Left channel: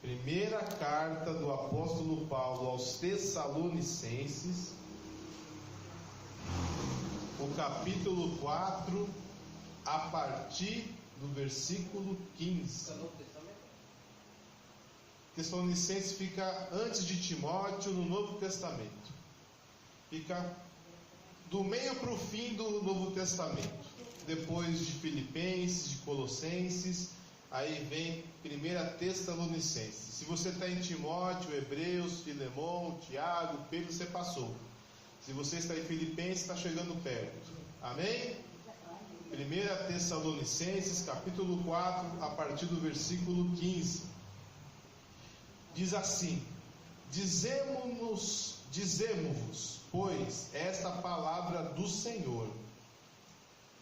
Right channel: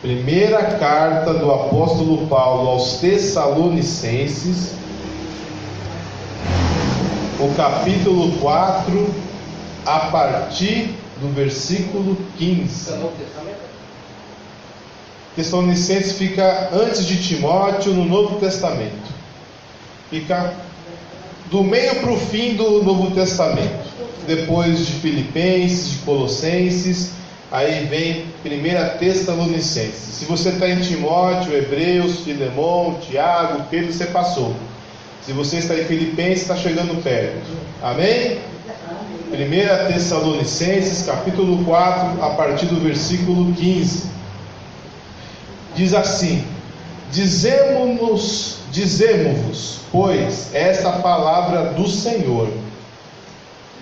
Primeira carta do apóstolo Paulo aos Tessalonicenses, o capítulo 4, a partir do versículo 15. Tessalonicenses fica antes de Timóteo no Novo Testamento. Fica do meio para o fim do Novo Testamento. Depois de Filipenses, de Colossenses, aí vem 1 Tessalonicenses. Se você está em Timóteo, Hebreus, Filemão, Tiago, Pedro, você passou. Se você está em Filipenses, está chegando perto. Amém? 1 Tessalonicenses, capítulo 4, a partir do versículo 15. Diz assim: Dizemo-vos, pois, esta palavra do Senhor,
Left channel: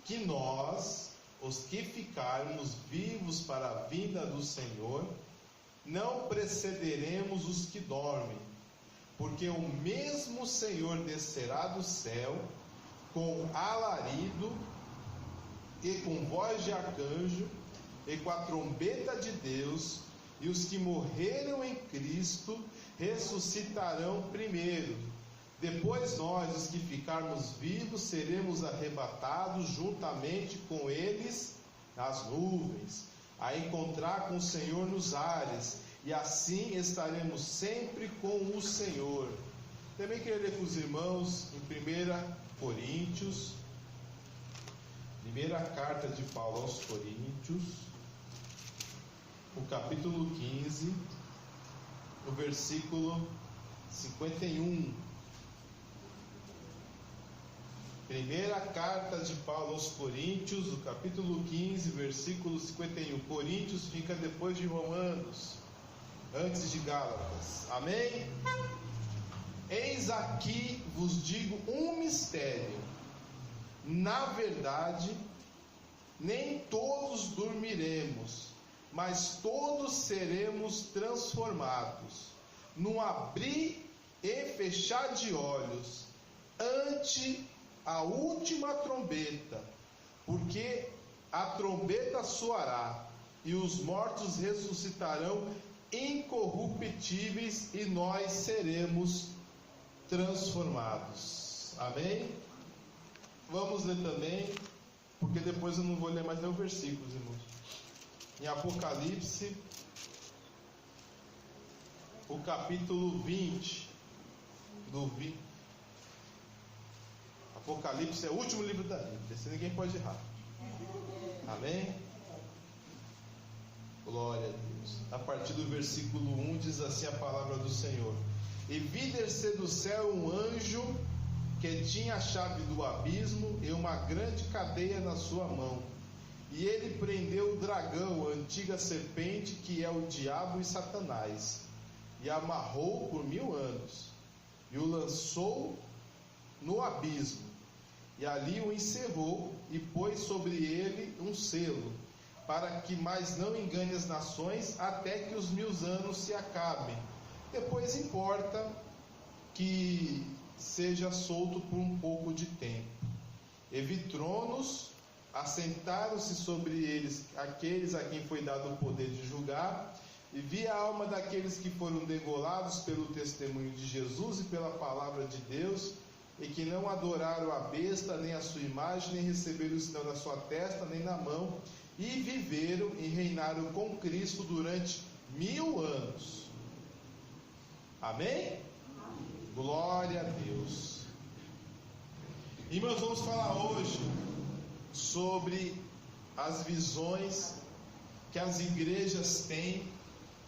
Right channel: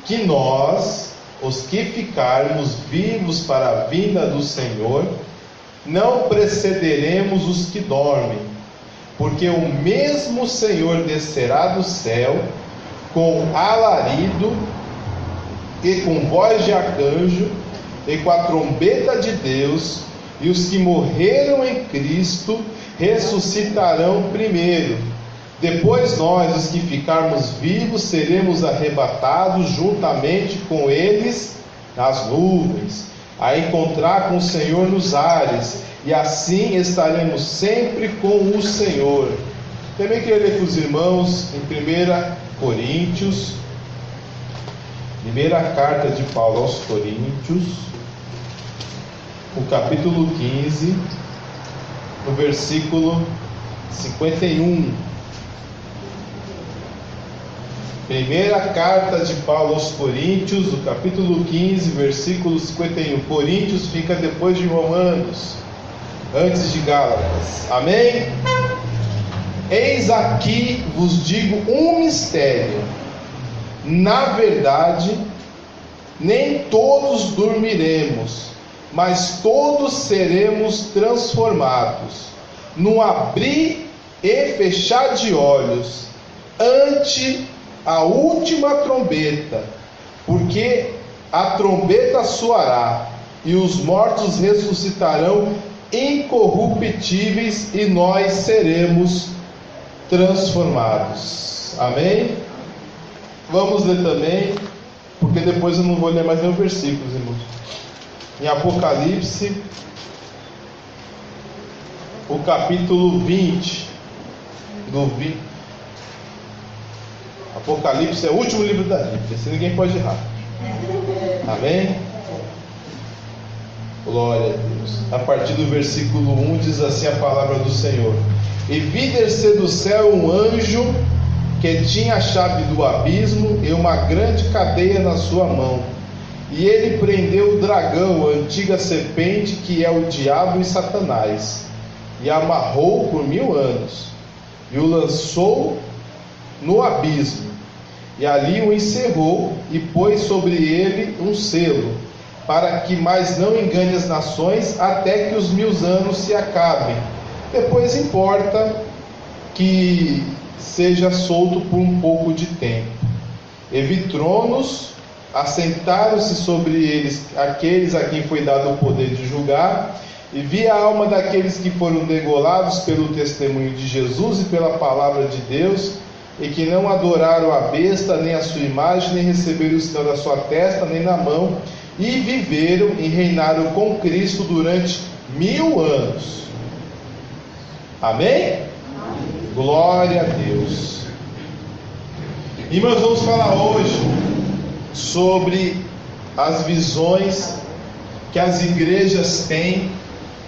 que nós, os que ficarmos vivos para a vinda do Senhor, não precederemos os que dormem, porque o mesmo Senhor descerá do céu com alarido e com voz de arcanjo e com a trombeta de Deus, e os que morreram em Cristo ressuscitarão primeiro. Depois nós, os que ficarmos vivos, seremos arrebatados juntamente com eles nas nuvens, a encontrar com o Senhor nos ares, e assim estaremos sempre com o Senhor. Também queria ler com os irmãos em 1 Coríntios, primeira carta de Paulo aos Coríntios, o capítulo 15, no versículo 51. Primeira carta de Paulo aos Coríntios, o capítulo 15, versículo 51. Coríntios fica depois de Romanos, antes de Gálatas. Amém? Eis aqui vos digo um mistério. Na verdade, nem todos dormiremos, mas todos seremos transformados, num abrir e fechar de olhos, ante a última trombeta, porque a trombeta soará, e os mortos ressuscitarão incorruptíveis, e nós seremos transformados. Amém? Vamos ler também, porque depois eu não vou ler mais nenhum versículo, irmãos. Em Apocalipse, o capítulo 20, Apocalipse é o último livro da Bíblia, esse ninguém pode errar. Amém? Glória a Deus. A partir do versículo 1 diz assim a palavra do Senhor: E vi descer do céu um anjo que tinha a chave do abismo e uma grande cadeia na sua mão. E ele prendeu o dragão, a antiga serpente, que é o diabo e Satanás, e amarrou por 1000 anos, e o lançou no abismo, e ali o encerrou, e pôs sobre ele um selo, para que mais não engane as nações, até que os 1000 anos se acabem. Depois importa que seja solto por um pouco de tempo. E vi tronos, assentaram-se sobre eles aqueles a quem foi dado o poder de julgar, e vi a alma daqueles que foram degolados pelo testemunho de Jesus e pela palavra de Deus, e que não adoraram a besta, nem a sua imagem, nem receberam o sinal da sua testa, nem na mão, e viveram e reinaram com Cristo durante 1000 anos. Amém? Glória a Deus. E nós vamos falar hoje sobre as visões que as igrejas têm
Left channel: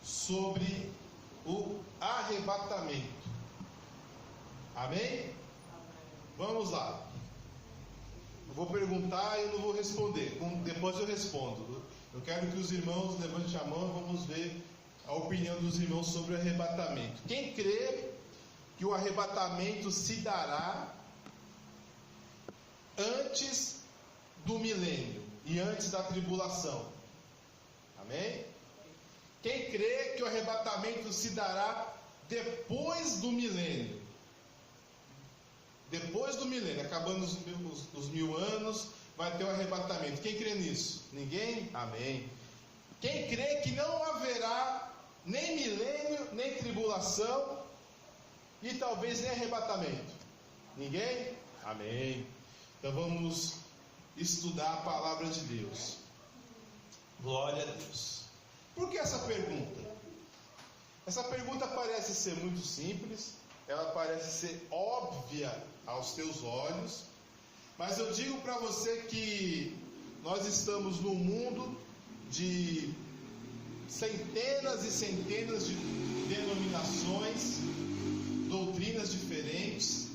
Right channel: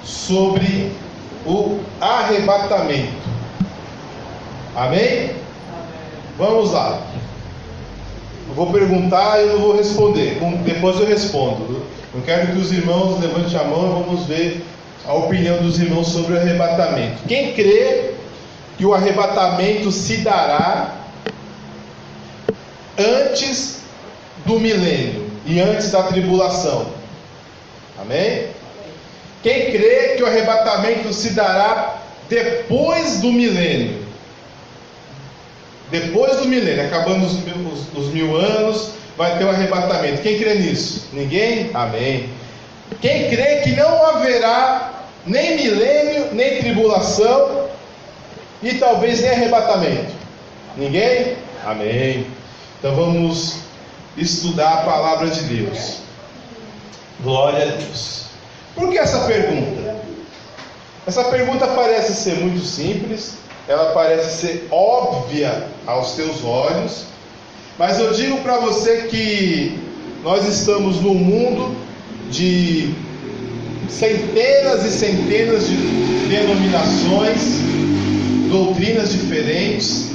sobre o arrebatamento. Amém? Vamos lá. Eu vou perguntar e eu não vou responder. Depois eu respondo. Eu quero que os irmãos levantem a mão e vamos ver a opinião dos irmãos sobre o arrebatamento. Quem crê que o arrebatamento se dará antes do milênio e antes da tribulação? Amém? Quem crê que o arrebatamento se dará depois do milênio? Depois do milênio, acabando os 1000 anos, vai ter o arrebatamento. Quem crê nisso? Ninguém? Amém. Quem crê que não haverá nem milênio, nem tribulação e talvez nem arrebatamento. Ninguém? Amém. Então vamos estudar a palavra de Deus. Glória a Deus. Por que essa pergunta? Essa pergunta parece ser muito simples, ela parece ser óbvia aos teus olhos, mas eu digo para você que nós estamos num mundo de centenas e centenas de denominações, doutrinas diferentes,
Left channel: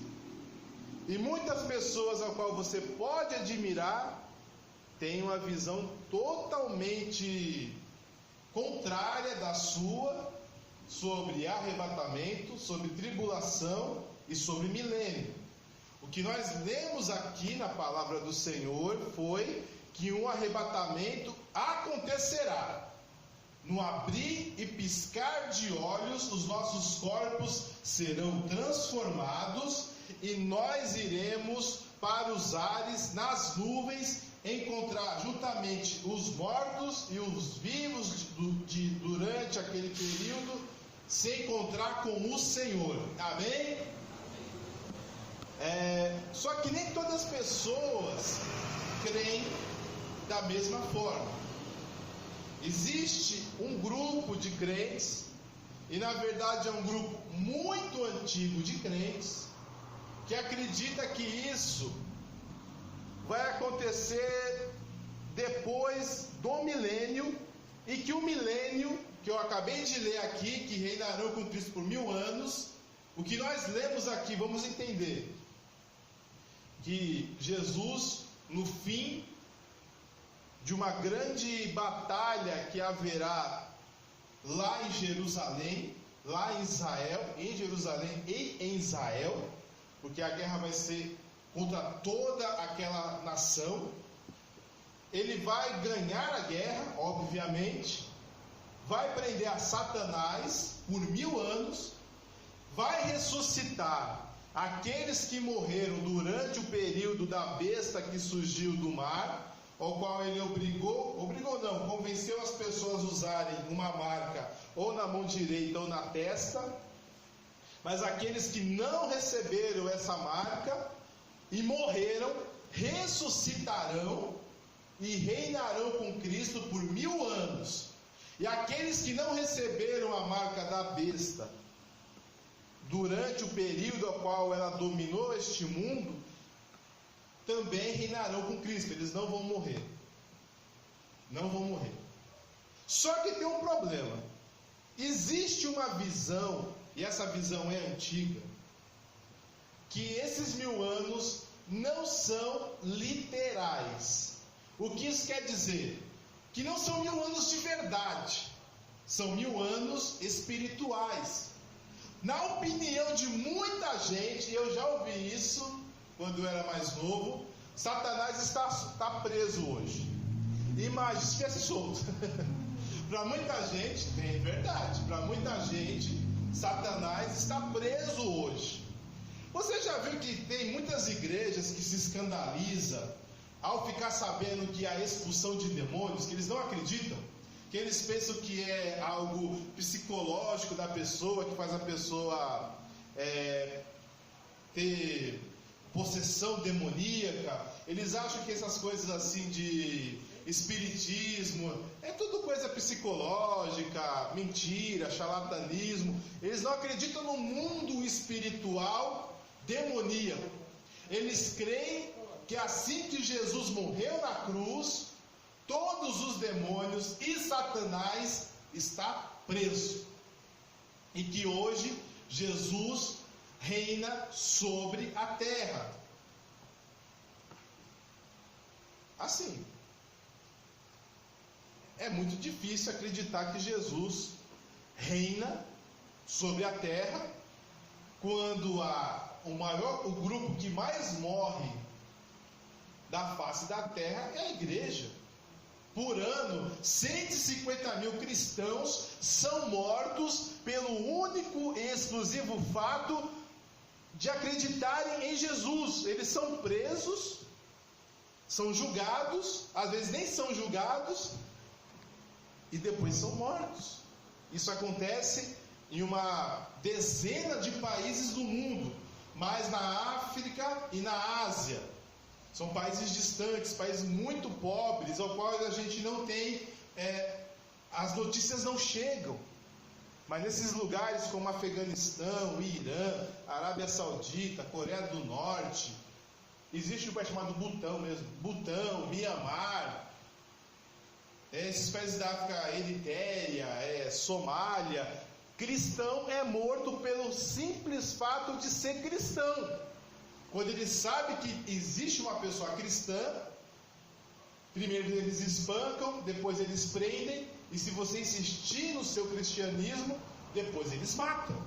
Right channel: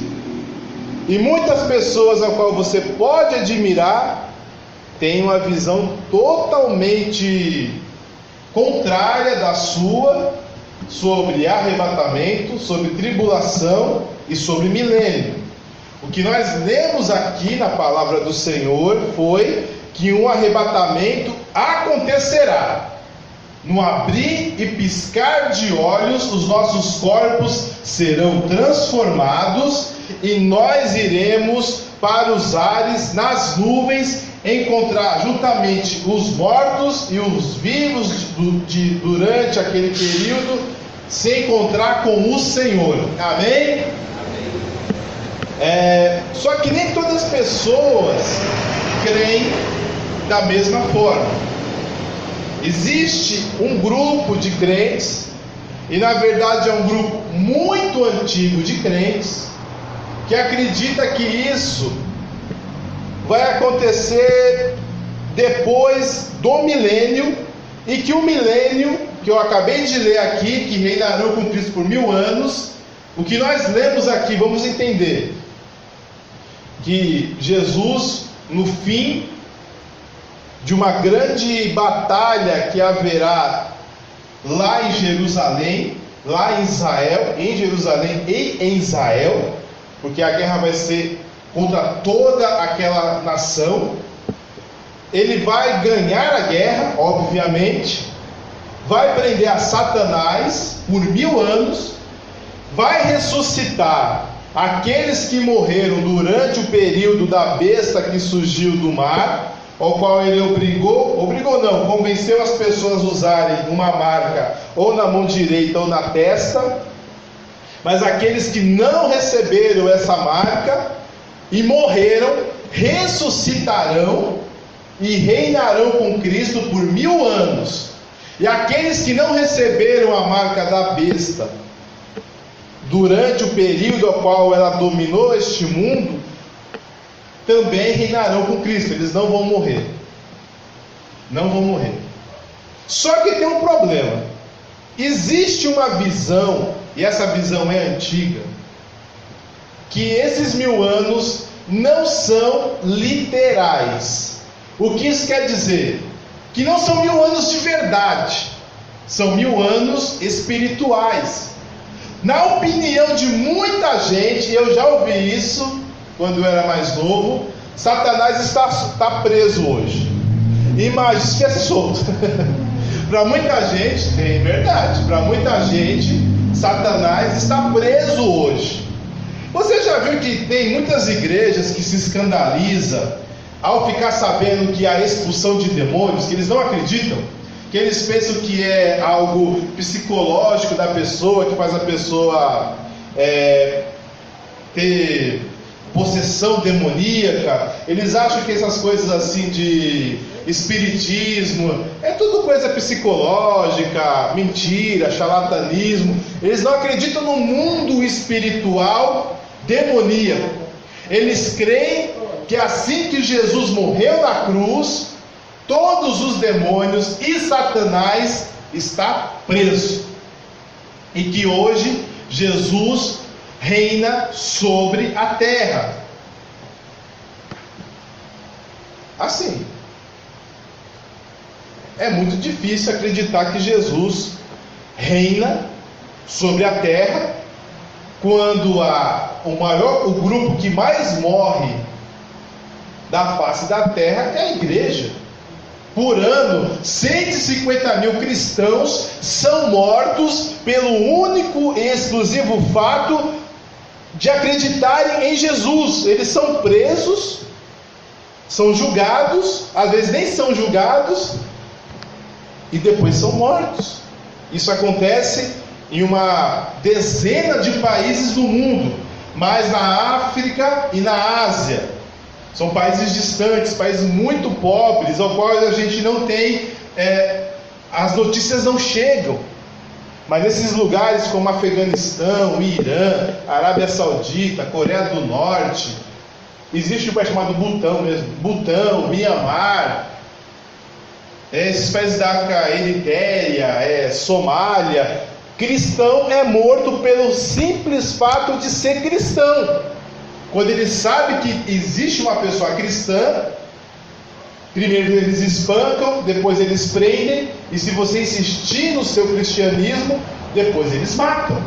e muitas pessoas a qual você pode admirar têm uma visão totalmente contrária da sua sobre arrebatamento, sobre tribulação e sobre milênio. O que nós lemos aqui na palavra do Senhor foi que um arrebatamento acontecerá. No abrir e piscar de olhos, os nossos corpos serão transformados e nós iremos para os ares, nas nuvens, encontrar juntamente os mortos e os vivos durante aquele período, se encontrar com o Senhor. Amém? Só que nem todas as pessoas creem da mesma forma. Existe um grupo de crentes, e na verdade é um grupo muito antigo de crentes, que acredita que isso vai acontecer depois do milênio, e que o milênio, que eu acabei de ler aqui, que reinarão com Cristo por 1000 anos, o que nós lemos aqui, vamos entender que Jesus, no fim de uma grande batalha que haverá lá em Jerusalém, lá em Israel, em Jerusalém e em Israel, porque a guerra vai ser contra toda aquela nação. Ele vai ganhar a guerra, obviamente, vai prender a Satanás por 1000 anos, vai ressuscitar aqueles que morreram durante o período da besta que surgiu do mar, ao qual ele convenceu as pessoas a usarem uma marca ou na mão direita ou na testa. Mas aqueles que não receberam essa marca e morreram, ressuscitarão e reinarão com Cristo por 1000 anos. E aqueles que não receberam a marca da besta durante o período ao qual ela dominou este mundo, também reinarão com Cristo. Eles não vão morrer. Não vão morrer. Só que tem um problema. Existe uma visão, e essa visão é antiga, que esses 1000 anos não são literais. O que isso quer dizer? Que não são 1000 anos de verdade, são 1000 anos espirituais. Na opinião de muita gente, eu já ouvi isso quando eu era mais novo, Satanás está preso hoje. Imagina que é solto. Para muita gente, é verdade, para muita gente, Satanás está preso hoje. Você já viu que tem muitas igrejas que se escandalizam ao ficar sabendo que há expulsão de demônios, que eles não acreditam, que eles pensam que é algo psicológico da pessoa, que faz a pessoa ter possessão demoníaca. Eles acham que essas coisas assim de espiritismo é tudo coisa psicológica, mentira, charlatanismo. Eles não acreditam no mundo espiritual demoníaco. Eles creem que assim que Jesus morreu na cruz, todos os demônios e Satanás está preso, e que hoje Jesus reina sobre a terra. Assim, é muito difícil acreditar que Jesus reina sobre a terra, quando o grupo que mais morre da face da terra é a igreja. Por ano, 150 mil cristãos são mortos pelo único e exclusivo fato de acreditarem em Jesus. Eles são presos, são julgados, às vezes nem são julgados, e depois são mortos. Isso acontece em uma dezena de países do mundo, mas na África e na Ásia. São países distantes, países muito pobres, ao qual a gente não tem, as notícias não chegam. Mas nesses lugares como Afeganistão, Irã, Arábia Saudita, Coreia do Norte, existe um país chamado Butão mesmo, Butão, Mianmar, esses países da África, Eritéria, Somália, cristão é morto pelo simples fato de ser cristão. Quando ele sabe que existe uma pessoa cristã, primeiro eles espancam, depois eles prendem, e se você insistir no seu cristianismo, depois eles matam.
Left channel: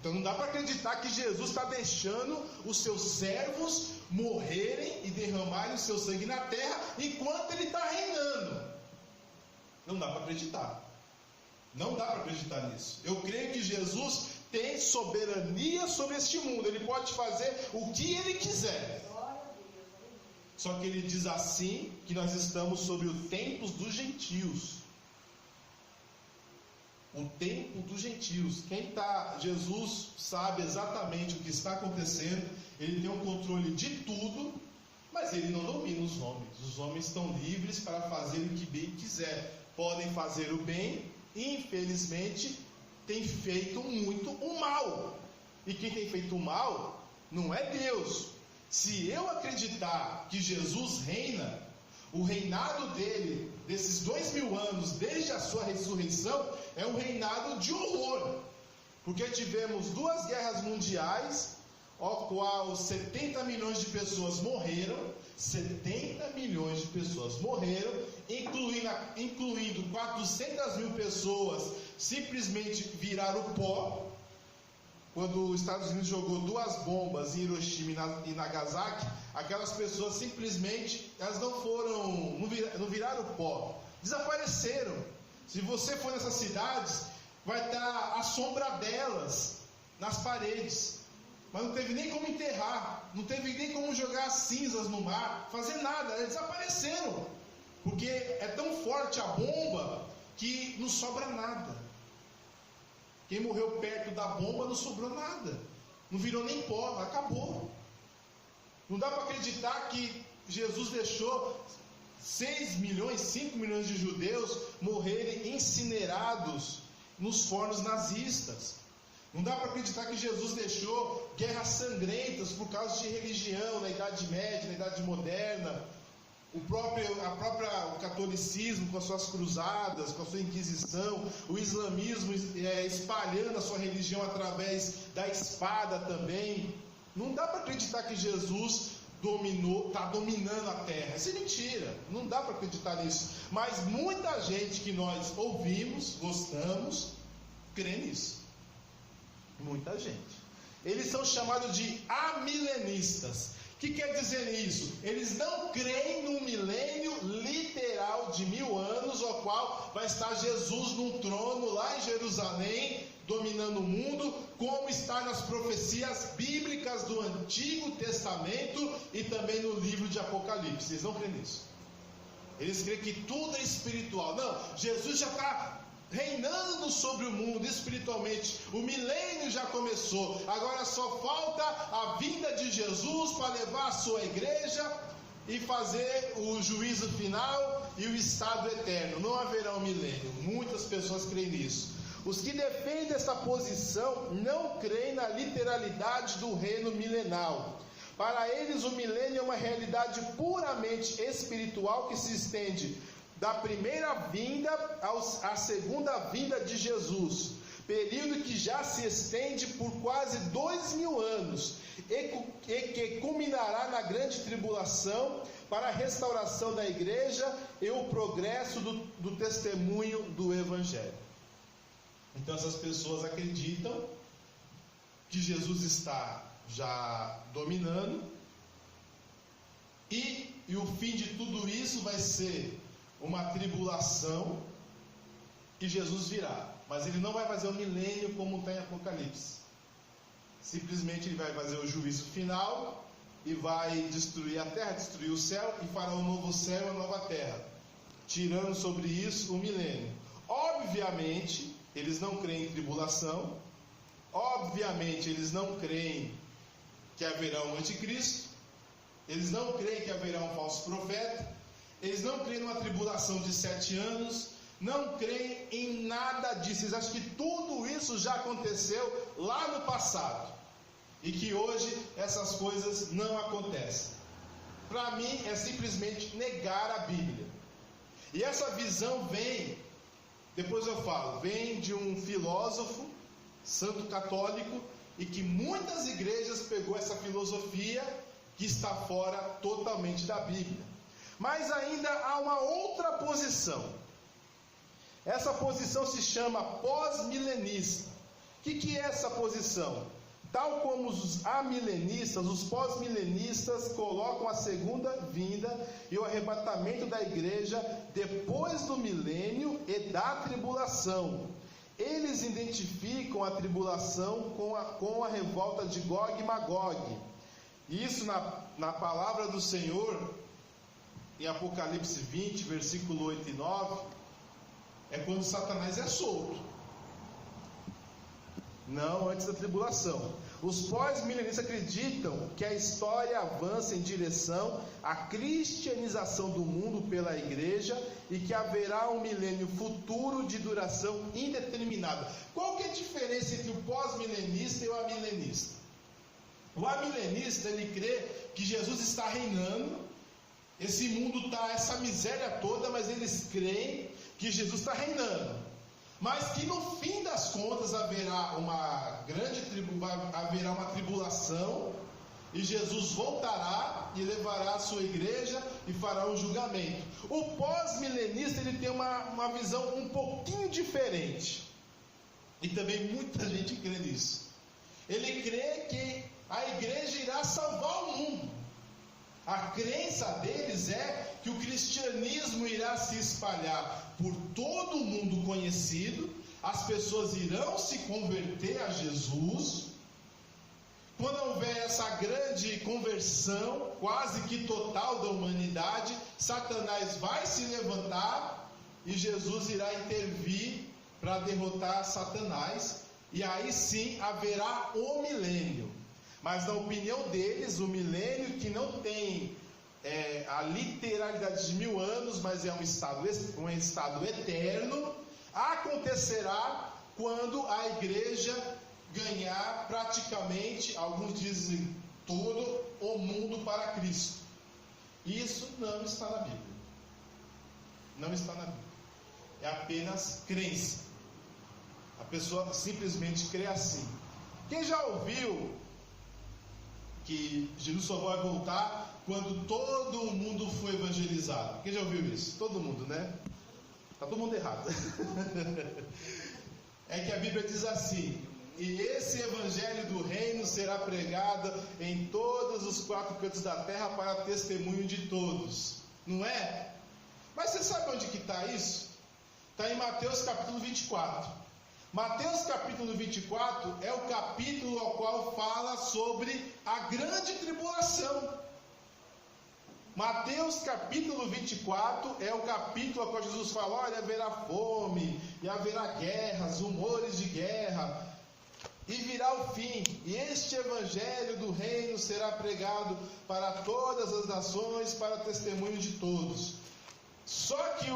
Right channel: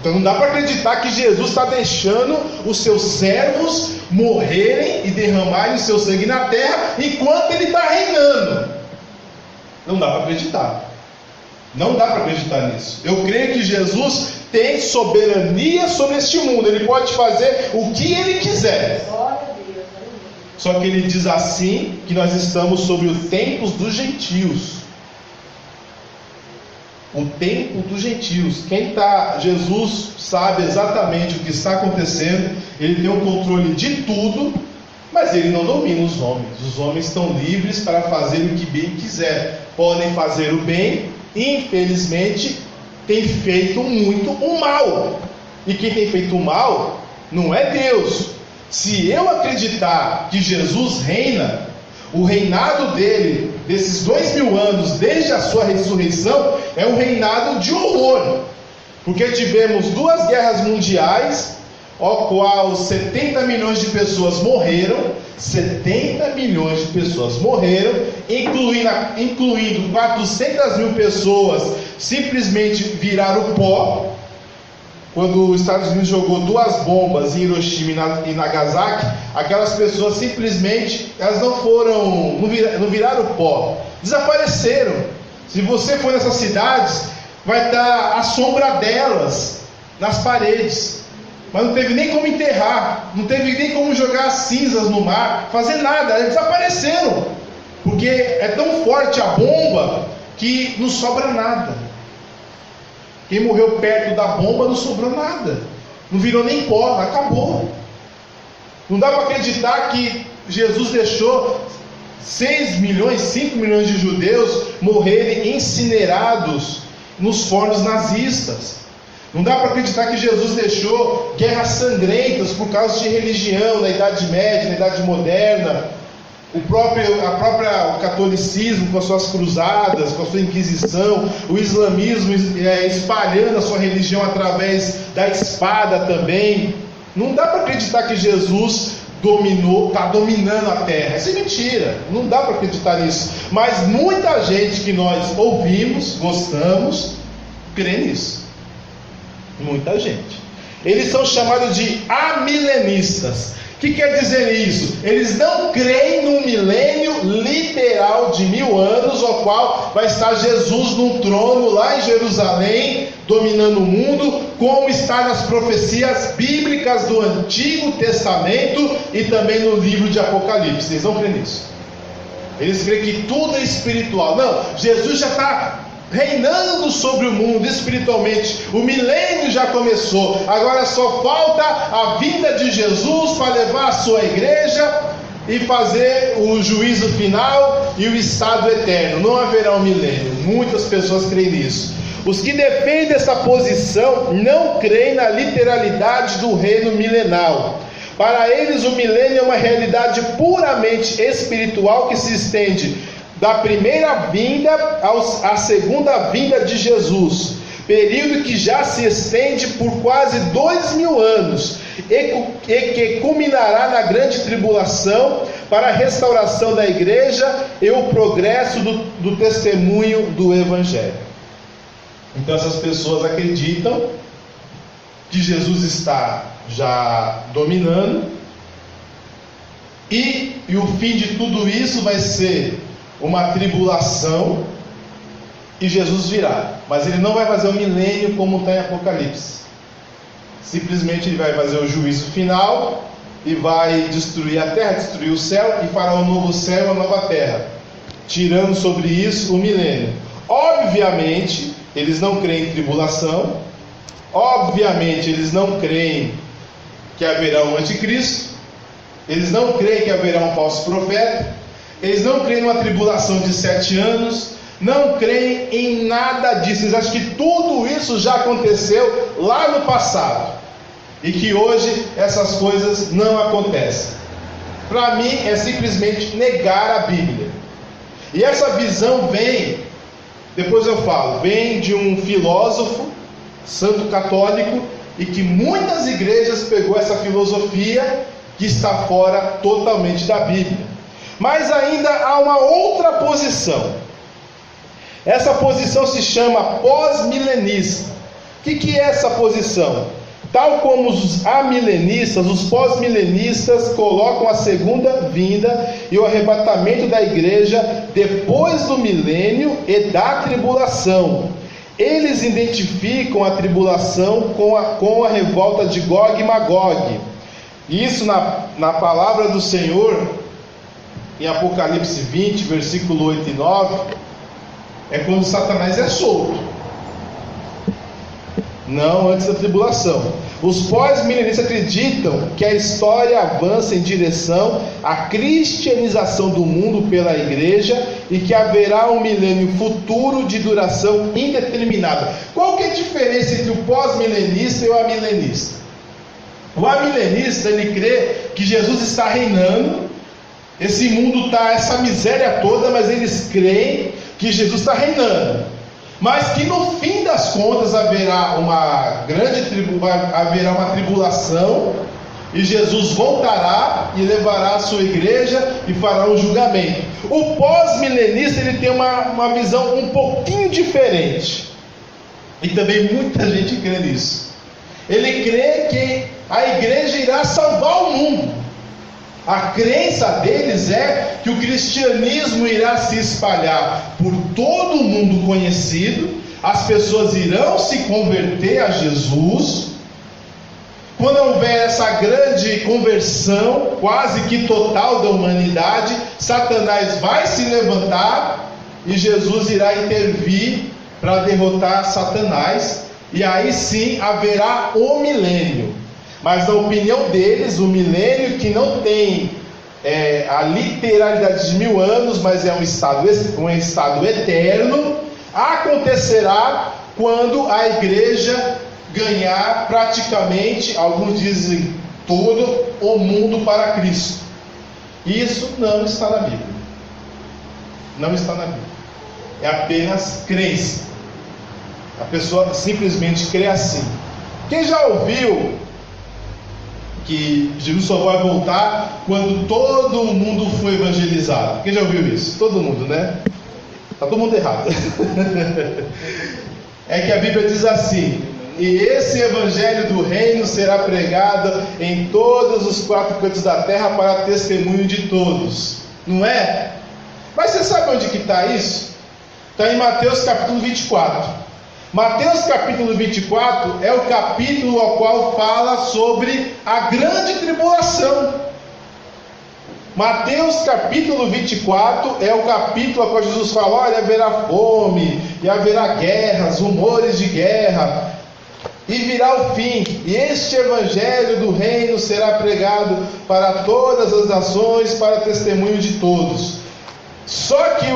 Então não dá para acreditar que Jesus está deixando os seus servos morrerem e derramarem o seu sangue na terra enquanto ele está reinando. Não dá para acreditar. Não dá para acreditar nisso. Eu creio que Jesus tem soberania sobre este mundo. Ele pode fazer o que ele quiser. Só que ele diz assim que nós estamos sobre os tempos dos gentios. O tempo dos gentios. Jesus sabe exatamente o que está acontecendo. Ele tem o controle de tudo, mas ele não domina os homens. Os homens estão livres para fazer o que bem quiser. Podem fazer o bem, infelizmente tem feito muito o mal. E quem tem feito o mal não é Deus. Se eu acreditar que Jesus reina, o reinado dele, desses 2000 anos, desde a sua ressurreição, é um reinado de horror. Porque tivemos 2 guerras mundiais, ao qual 70 milhões de pessoas morreram. 70 milhões de pessoas morreram, incluindo 400 mil pessoas simplesmente viraram pó. Quando os Estados Unidos jogou 2 bombas em Hiroshima e Nagasaki, aquelas pessoas simplesmente, elas não viraram pó, desapareceram. Se você for nessas cidades, vai estar a sombra delas nas paredes. Mas não teve nem como enterrar, não teve nem como jogar cinzas no mar, fazer nada, eles desapareceram. Porque é tão forte a bomba que não sobra nada. Quem morreu perto da bomba não sobrou nada, não virou nem pó, acabou. Não dá para acreditar que Jesus deixou 6 milhões, 5 milhões de judeus morrerem incinerados nos fornos nazistas. Não dá para acreditar que Jesus deixou guerras sangrentas por causa de religião na Idade Média, na Idade Moderna. O catolicismo com as suas cruzadas, com a sua Inquisição, o islamismo espalhando a sua religião através da espada também. Não dá para acreditar que Jesus está dominando a terra. Isso é mentira, não dá para acreditar nisso. Mas muita gente que nós ouvimos, gostamos, crê nisso. Muita gente. Eles são chamados de amilenistas. O que quer dizer isso? Eles não creem num milênio literal de 1000 anos, ao qual vai estar Jesus num trono lá em Jerusalém, dominando o mundo, como está nas profecias bíblicas do Antigo Testamento e também no livro de Apocalipse. Eles não creem nisso. Eles creem que tudo é espiritual. Não, Jesus já está reinando sobre o mundo espiritualmente. O milênio já começou. Agora só falta a vinda de Jesus para levar a sua igreja e fazer o juízo final e o estado eterno. Não haverá um milênio. Muitas pessoas creem nisso. Os que defendem essa posição não creem na literalidade do reino milenal. Para eles o milênio é uma realidade puramente espiritual que se estende da primeira vinda à segunda vinda de Jesus, período que já se estende por quase 2000 anos e que culminará na grande tribulação para a restauração da igreja e o progresso do testemunho do Evangelho. Então essas pessoas acreditam que Jesus está já dominando e o fim de tudo isso vai ser uma tribulação e Jesus virá, mas ele não vai fazer o milênio como está em Apocalipse. Simplesmente ele vai fazer o juízo final e vai destruir a terra, destruir o céu e fará um novo céu e uma nova terra, tirando sobre isso o milênio. Obviamente, eles não creem em tribulação. Obviamente, eles não creem que haverá um anticristo. Eles não creem que haverá um falso profeta. Eles não creem numa tribulação de 7 anos. Não creem em nada disso. Eles acham que tudo isso já aconteceu lá no passado e que hoje essas coisas não acontecem. Para mim é simplesmente negar a Bíblia. E essa visão vem, depois eu falo, vem de um filósofo santo católico, e que muitas igrejas pegou essa filosofia que está fora totalmente da Bíblia. Mas ainda há uma outra posição. Essa posição se chama pós-milenista. O que é essa posição? Tal como os amilenistas, os pós-milenistas colocam a segunda vinda e o arrebatamento da igreja depois do milênio e da tribulação. Eles identificam a tribulação com a revolta de Gog e Magog. Isso na palavra do Senhor, em Apocalipse 20, versículo 8 e 9, é quando Satanás é solto. Não antes da tribulação. Os pós-milenistas acreditam que a história avança em direção à cristianização do mundo pela igreja e que haverá um milênio futuro de duração indeterminada. Qual que é a diferença entre o pós-milenista e o amilenista? O amilenista, ele crê que Jesus está reinando, esse mundo está, essa miséria toda, mas eles creem que Jesus está reinando. Mas que no fim das contas haverá uma tribulação, e Jesus voltará e levará a sua igreja e fará um julgamento. O pós-milenista, ele tem uma visão um pouquinho diferente, e também muita gente crê nisso. Ele crê que a igreja irá salvar o mundo. A crença deles é que o cristianismo irá se espalhar por todo o mundo conhecido, as pessoas irão se converter a Jesus. Quando houver essa grande conversão, quase que total da humanidade, Satanás vai se levantar e Jesus irá intervir para derrotar Satanás, e aí sim haverá o milênio. Mas na opinião deles, o milênio, que não tem a literalidade de 1000 anos, mas é um estado eterno, acontecerá quando a igreja ganhar praticamente, alguns dizem todo, o mundo para Cristo. Isso não está na Bíblia. Não está na Bíblia. É apenas crença. A pessoa simplesmente crê assim. Quem já ouviu que Jesus só vai voltar quando todo mundo foi evangelizado? Quem já ouviu isso? Todo mundo, né? Está todo mundo errado. É que a Bíblia diz assim: e esse evangelho do reino será pregado em todos os 4 cantos da terra para testemunho de todos. Não é? Mas você sabe onde que está isso? Está em Mateus capítulo 24. Mateus capítulo 24 é o capítulo ao qual fala sobre a grande tribulação. Mateus capítulo 24 é o capítulo ao qual Jesus fala: olha, haverá fome, e haverá guerras, rumores de guerra, e virá o fim, e este evangelho do reino será pregado para todas as nações, para testemunho de todos. Só que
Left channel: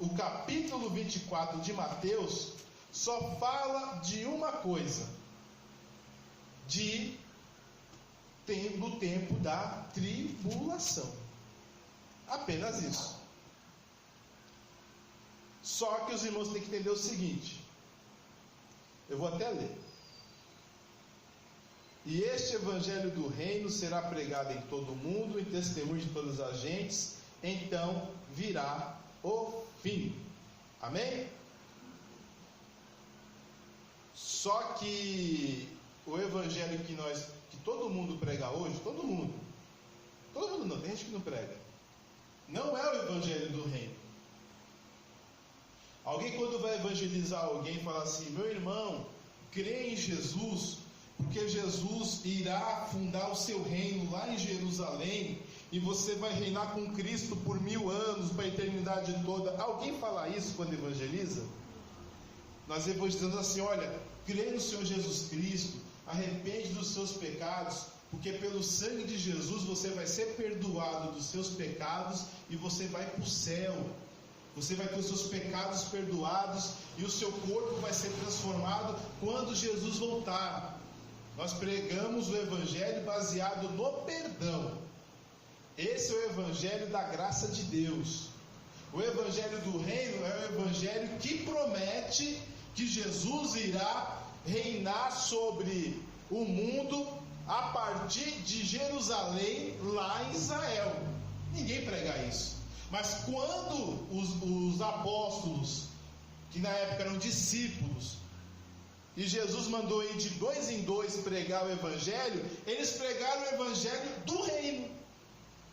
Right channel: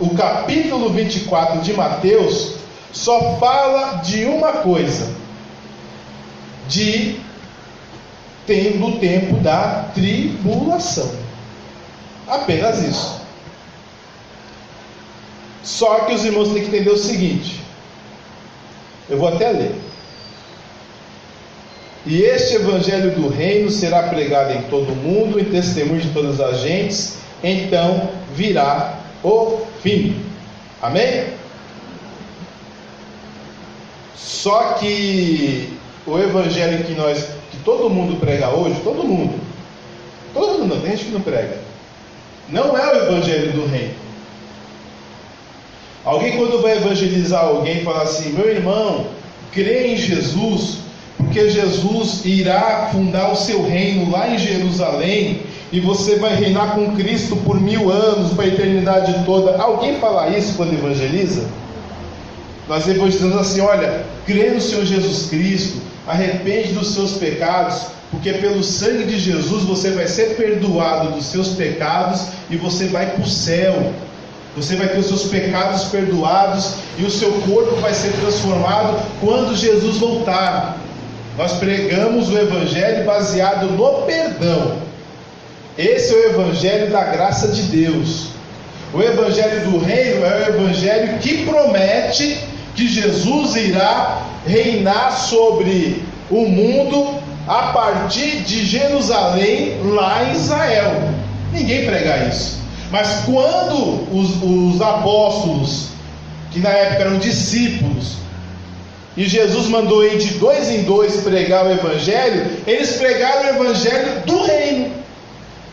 o capítulo 24 de Mateus só fala de uma coisa: do tempo da tribulação. Apenas isso. Só que os irmãos têm que entender o seguinte, eu vou até ler: e este evangelho do reino será pregado em todo o mundo, em testemunho de todas as gentes, então virá o fim. Amém? Só que o evangelho que todo mundo prega hoje, todo mundo não, tem gente que não prega, não é o evangelho do reino. Alguém, quando vai evangelizar alguém, fala assim: meu irmão, crê em Jesus, porque Jesus irá fundar o seu reino lá em Jerusalém, e você vai reinar com Cristo por 1000 anos, para a eternidade toda. Alguém fala isso quando evangeliza? Nós evangelizamos assim: olha, crê no Senhor Jesus Cristo, arrepende dos seus pecados, porque pelo sangue de Jesus você vai ser perdoado dos seus pecados e você vai para o céu. Você vai ter os seus pecados perdoados e o seu corpo vai ser transformado quando Jesus voltar. Nós pregamos o evangelho baseado no perdão. Esse é o evangelho da graça de Deus. O evangelho do reino é o evangelho que promete que Jesus irá reinar sobre o mundo a partir de Jerusalém, lá em Israel. Ninguém prega isso. Mas quando os apóstolos, que na época eram discípulos, e Jesus mandou ir de 2 em 2 pregar o evangelho, eles pregaram o evangelho do reino,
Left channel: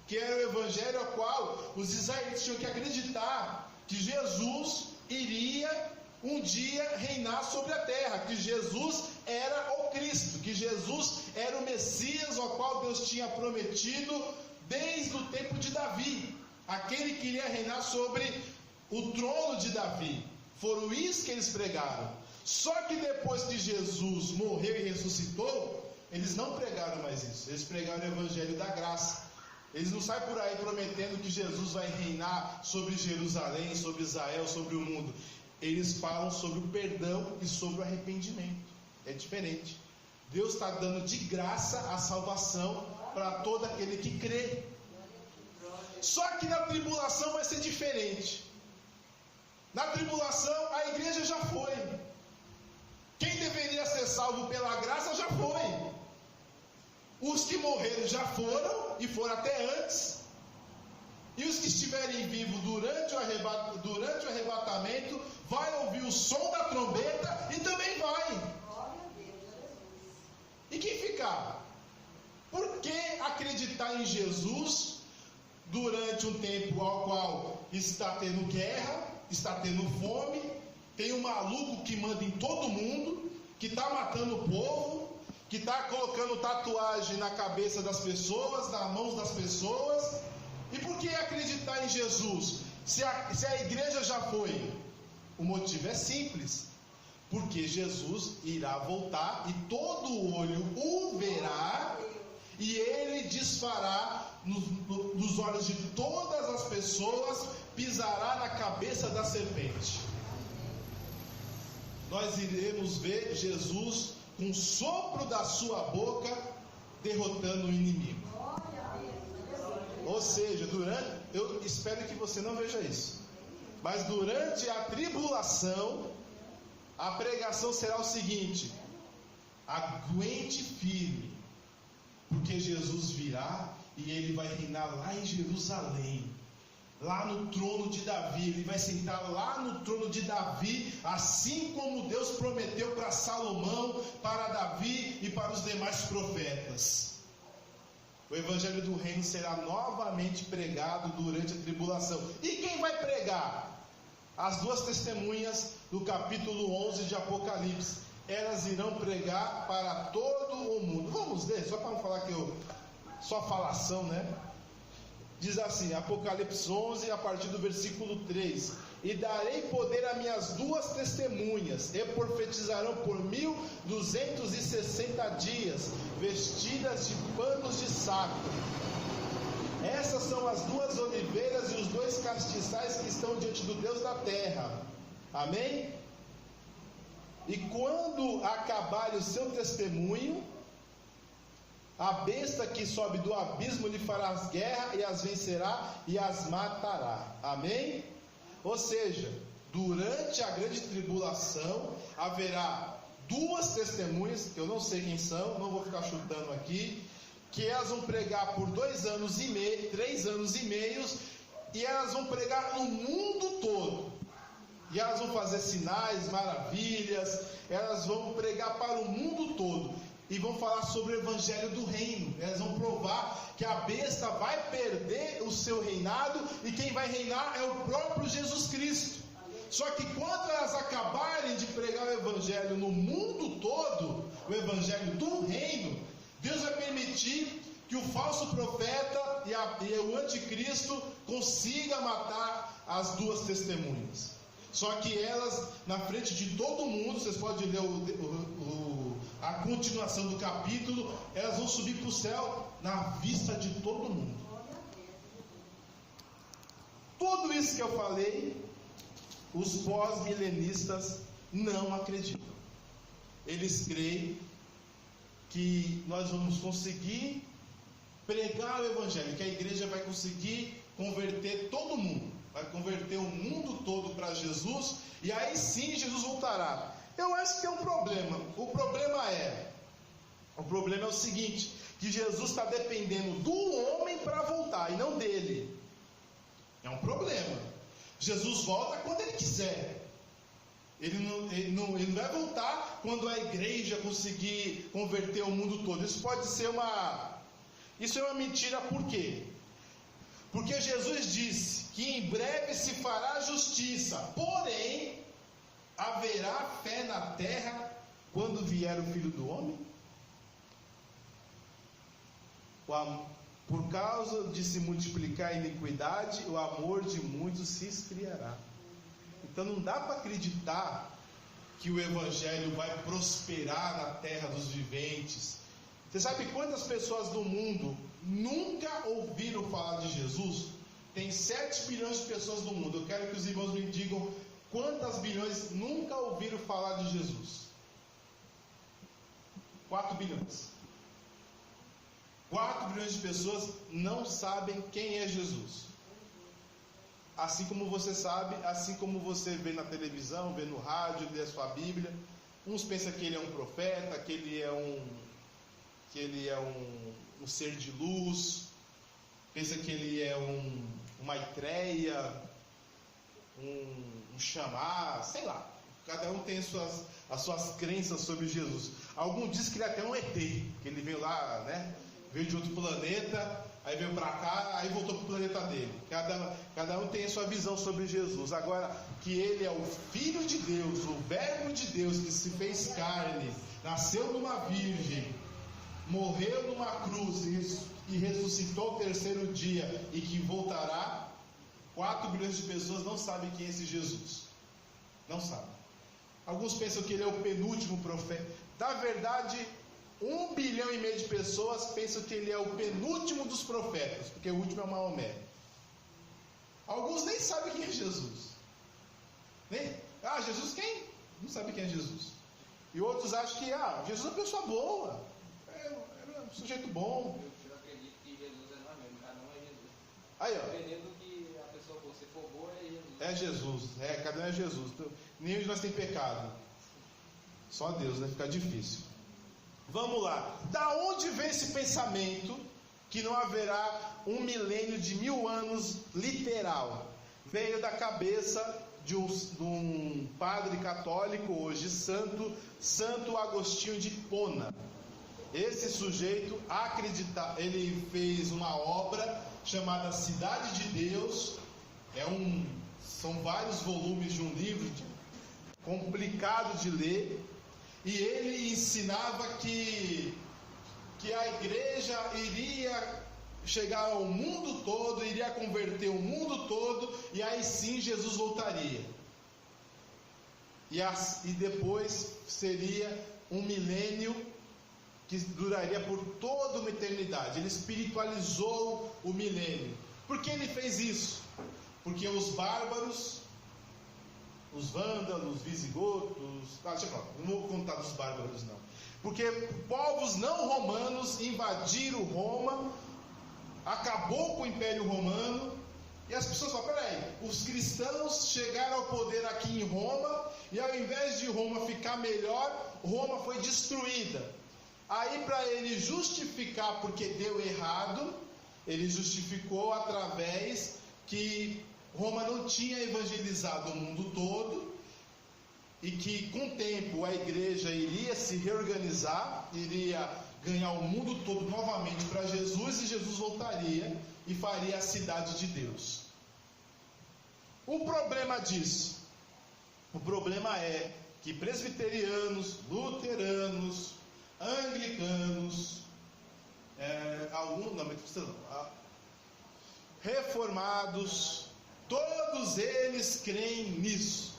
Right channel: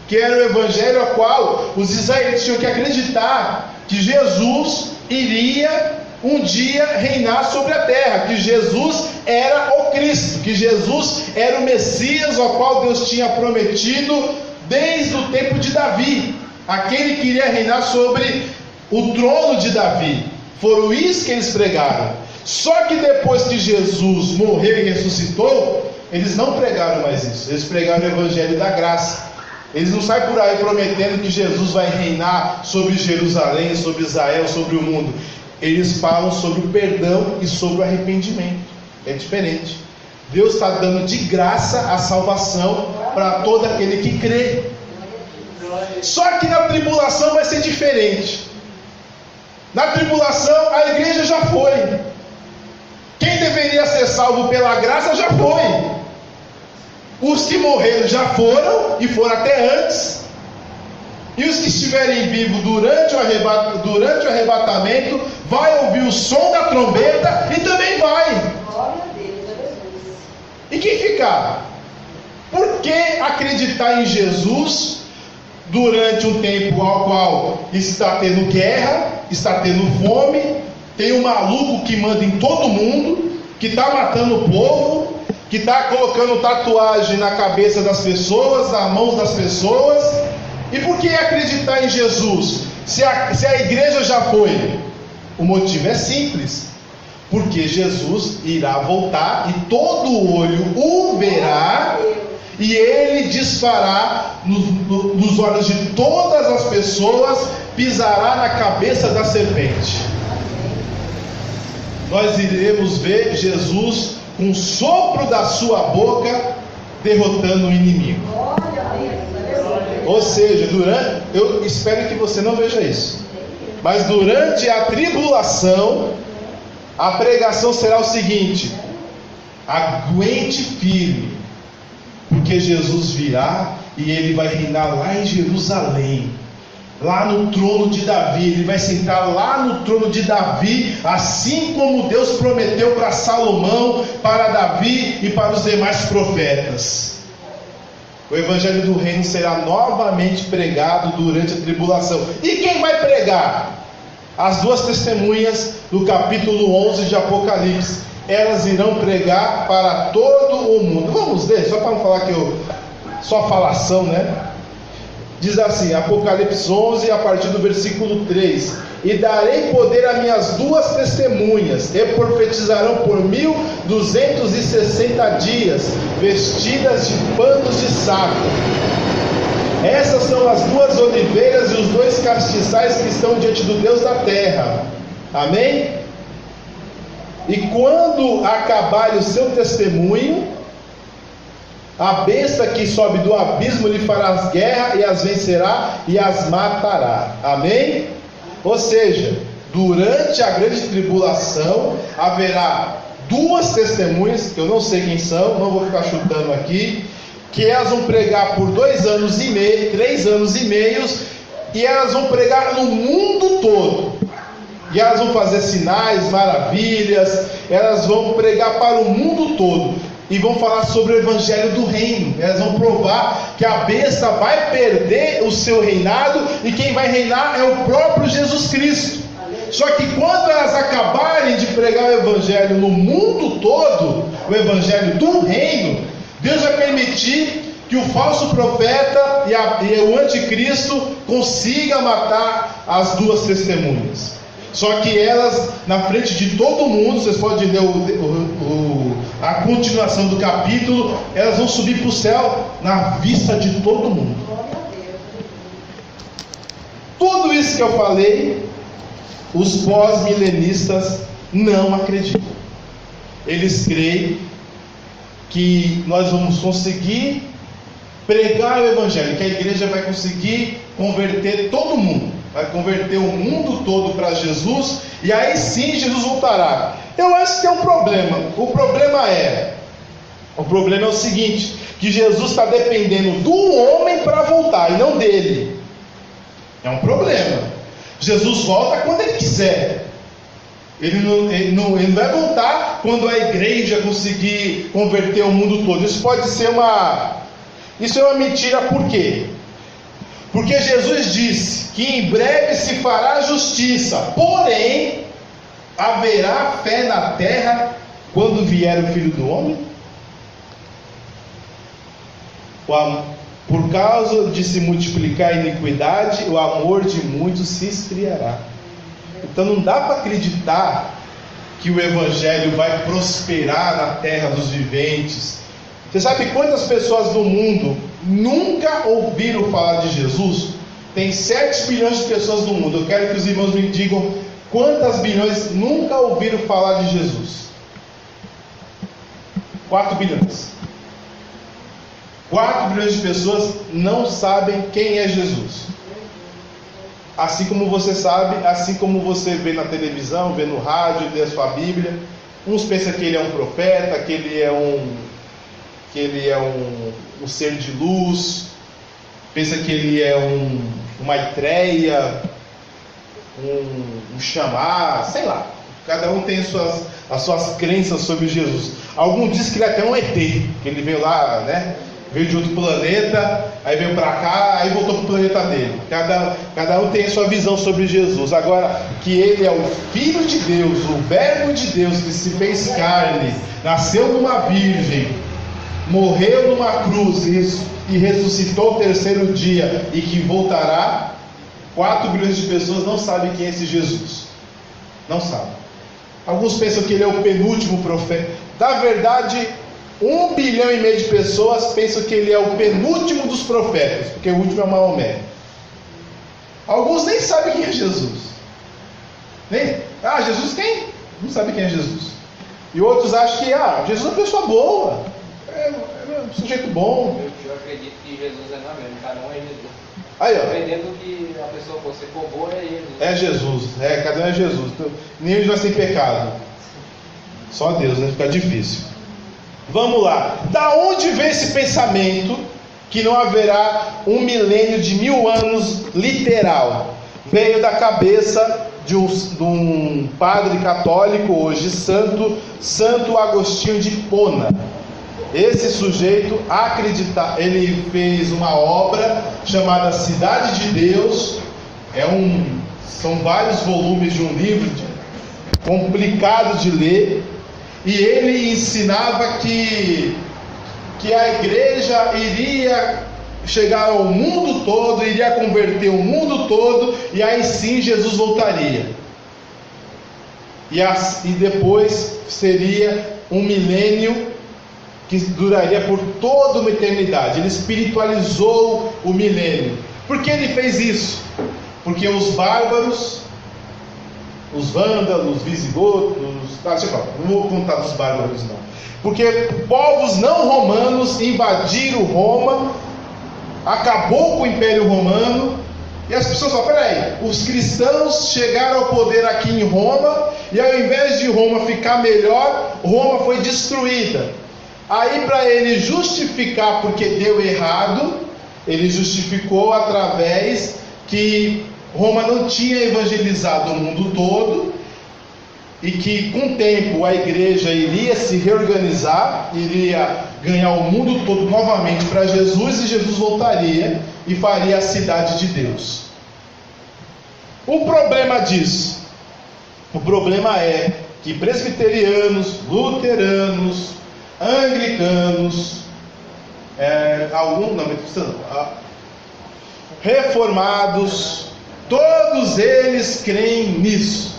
que era o evangelho a qual os israelitas tinham que acreditar que Jesus iria um dia reinar sobre a terra, que Jesus era o Cristo, que Jesus era o Messias ao qual Deus tinha prometido desde o tempo de Davi, aquele que iria reinar sobre o trono de Davi. Foram isso que eles pregaram. Só que depois que Jesus morreu e ressuscitou, eles não pregaram mais isso. Eles pregaram o evangelho da graça. Eles não saem por aí prometendo que Jesus vai reinar sobre Jerusalém, sobre Israel, sobre o mundo. Eles falam sobre o perdão e sobre o arrependimento. É diferente. Deus está dando de graça a salvação para todo aquele que crê. Só que na tribulação vai ser diferente. Na tribulação a igreja já foi. Quem deveria ser salvo pela graça já foi. Os que morreram já foram, e foram até antes. E os que estiverem vivos durante o arrebatamento vai ouvir o som da trombeta e também vai. E quem ficar? Por que acreditar em Jesus durante um tempo ao qual está tendo guerra, está tendo fome, tem um maluco que manda em todo mundo, que está matando o povo, que está colocando tatuagem na cabeça das pessoas, nas mãos das pessoas? E por que acreditar em Jesus, se a igreja já foi? O motivo é simples: porque Jesus irá voltar e todo olho o verá, e ele desfará nos olhos de todas as pessoas, pisará na cabeça da serpente. Nós iremos ver Jesus com o sopro da sua boca derrotando o inimigo. Ou seja, eu espero que você não veja isso, mas durante a tribulação a pregação será o seguinte: aguente firme, porque Jesus virá e ele vai reinar lá em Jerusalém, lá no trono de Davi. Ele vai sentar lá no trono de Davi, assim como Deus prometeu para Salomão, para Davi e para os demais profetas. O evangelho do reino será novamente pregado durante a tribulação. E quem vai pregar? As duas testemunhas do capítulo 11 de Apocalipse. Elas irão pregar para todo o mundo. Vamos ler, só para não falar que só falação, né? Diz assim, Apocalipse 11, a partir do versículo 3: E darei poder a minhas duas testemunhas, e profetizarão por 1260 dias, vestidas de panos de saco. Essas são as duas oliveiras e os dois castiçais que estão diante do Deus da terra. Amém? E quando acabar o seu testemunho, a besta que sobe do abismo lhe fará guerra, e as vencerá e as matará. Amém? Ou seja, durante a grande tribulação haverá duas testemunhas, que eu não sei quem são, não vou ficar chutando aqui, que elas vão pregar por 2 anos e meio, 3 anos e meio, e elas vão pregar no mundo todo. E elas vão fazer sinais, maravilhas, elas vão pregar para o mundo todo. E vão falar sobre o evangelho do reino. Elas vão provar que a besta vai perder o seu reinado, e quem vai reinar é o próprio Jesus Cristo. Só que quando elas acabarem de pregar o evangelho no mundo todo, o evangelho do reino, Deus vai permitir que o falso profeta e o anticristo consiga matar as duas testemunhas. Só que elas, na frente de todo mundo, vocês podem ler a continuação do capítulo, elas vão subir para o céu na vista de todo mundo. Tudo isso que eu falei, os pós-milenistas não acreditam. Eles creem que nós vamos conseguir pregar o Evangelho, que a igreja vai conseguir converter todo mundo, vai converter o mundo todo para Jesus, e aí sim Jesus voltará. Eu acho que tem um problema. O problema é o seguinte, que Jesus está dependendo do homem para voltar, e não dele. É um problema. Jesus volta quando ele quiser. Ele não vai voltar quando a igreja conseguir converter o mundo todo. Isso é uma mentira. Por quê? Porque Jesus disse que em breve se fará justiça, porém haverá fé na terra quando vier o Filho do Homem? Por causa de se multiplicar a iniquidade, o amor de muitos se esfriará. Então não dá para acreditar que o Evangelho vai prosperar na terra dos viventes. Você sabe quantas pessoas no mundo nunca ouviram falar de Jesus? Tem 7 bilhões de pessoas no mundo. Eu quero que os irmãos me digam quantas bilhões nunca ouviram falar de Jesus. 4 bilhões. 4 bilhões de pessoas não sabem quem é Jesus. Assim como você sabe, assim como você vê na televisão, vê no rádio, lê a sua Bíblia. Uns pensam que ele é um profeta, que ele é um ser de luz, pensa que ele é uma Maitreya, um Xamã, sei lá. Cada um tem as suas crenças sobre Jesus. Alguns dizem que ele é até um ET, que ele veio lá, né? Veio de outro planeta, aí veio para cá, aí voltou para o planeta dele. Cada um tem a sua visão sobre Jesus. Agora, que ele é o Filho de Deus, o Verbo de Deus que se fez carne, nasceu numa virgem, morreu numa cruz e ressuscitou ao 3º dia e que voltará, 4 bilhões de pessoas não sabem quem é esse Jesus. Não sabem. Alguns pensam que ele é o penúltimo profeta. Na verdade, 1,5 bilhão de pessoas pensam que ele é o penúltimo dos profetas, porque o último é Maomé. Alguns nem sabem quem é Jesus. Jesus quem? Não sabe quem é Jesus. E outros acham que Jesus é uma pessoa boa, é um sujeito bom. Eu acredito que Jesus é não mesmo, cada um é Jesus. Aí, ó. Dependendo que a pessoa fosse for boa, é Jesus. É Jesus, cada um é Jesus. Nenhum de nós tem pecado. Só Deus, né? Fica difícil. Vamos lá. Da onde vem esse pensamento que não haverá 1 milênio de 1000 anos literal? Veio da cabeça de um padre católico hoje, Santo Agostinho de Hipona. Esse sujeito ele fez uma obra chamada Cidade de Deus. São vários volumes de um livro complicado de ler. E ele ensinava que a igreja iria chegar ao mundo todo, iria converter o mundo todo, e aí sim Jesus voltaria. E depois seria 1 milênio que duraria por toda uma eternidade. Ele espiritualizou o milênio. Por que ele fez isso? Porque os bárbaros, os vândalos, os visigodos, não vou contar dos bárbaros não, porque povos não romanos invadiram Roma, acabou com o Império Romano, e as pessoas falam, peraí, os cristãos chegaram ao poder aqui em Roma, e ao invés de Roma ficar melhor, Roma foi destruída. Aí, para ele justificar porque deu errado, ele justificou através que Roma não tinha evangelizado o mundo todo, e que com o tempo a igreja iria se reorganizar, iria ganhar o mundo todo novamente para Jesus, e Jesus voltaria e faria a cidade de Deus. O problema disso, o problema é que presbiterianos, luteranos, anglicanos, Reformados, todos eles creem nisso,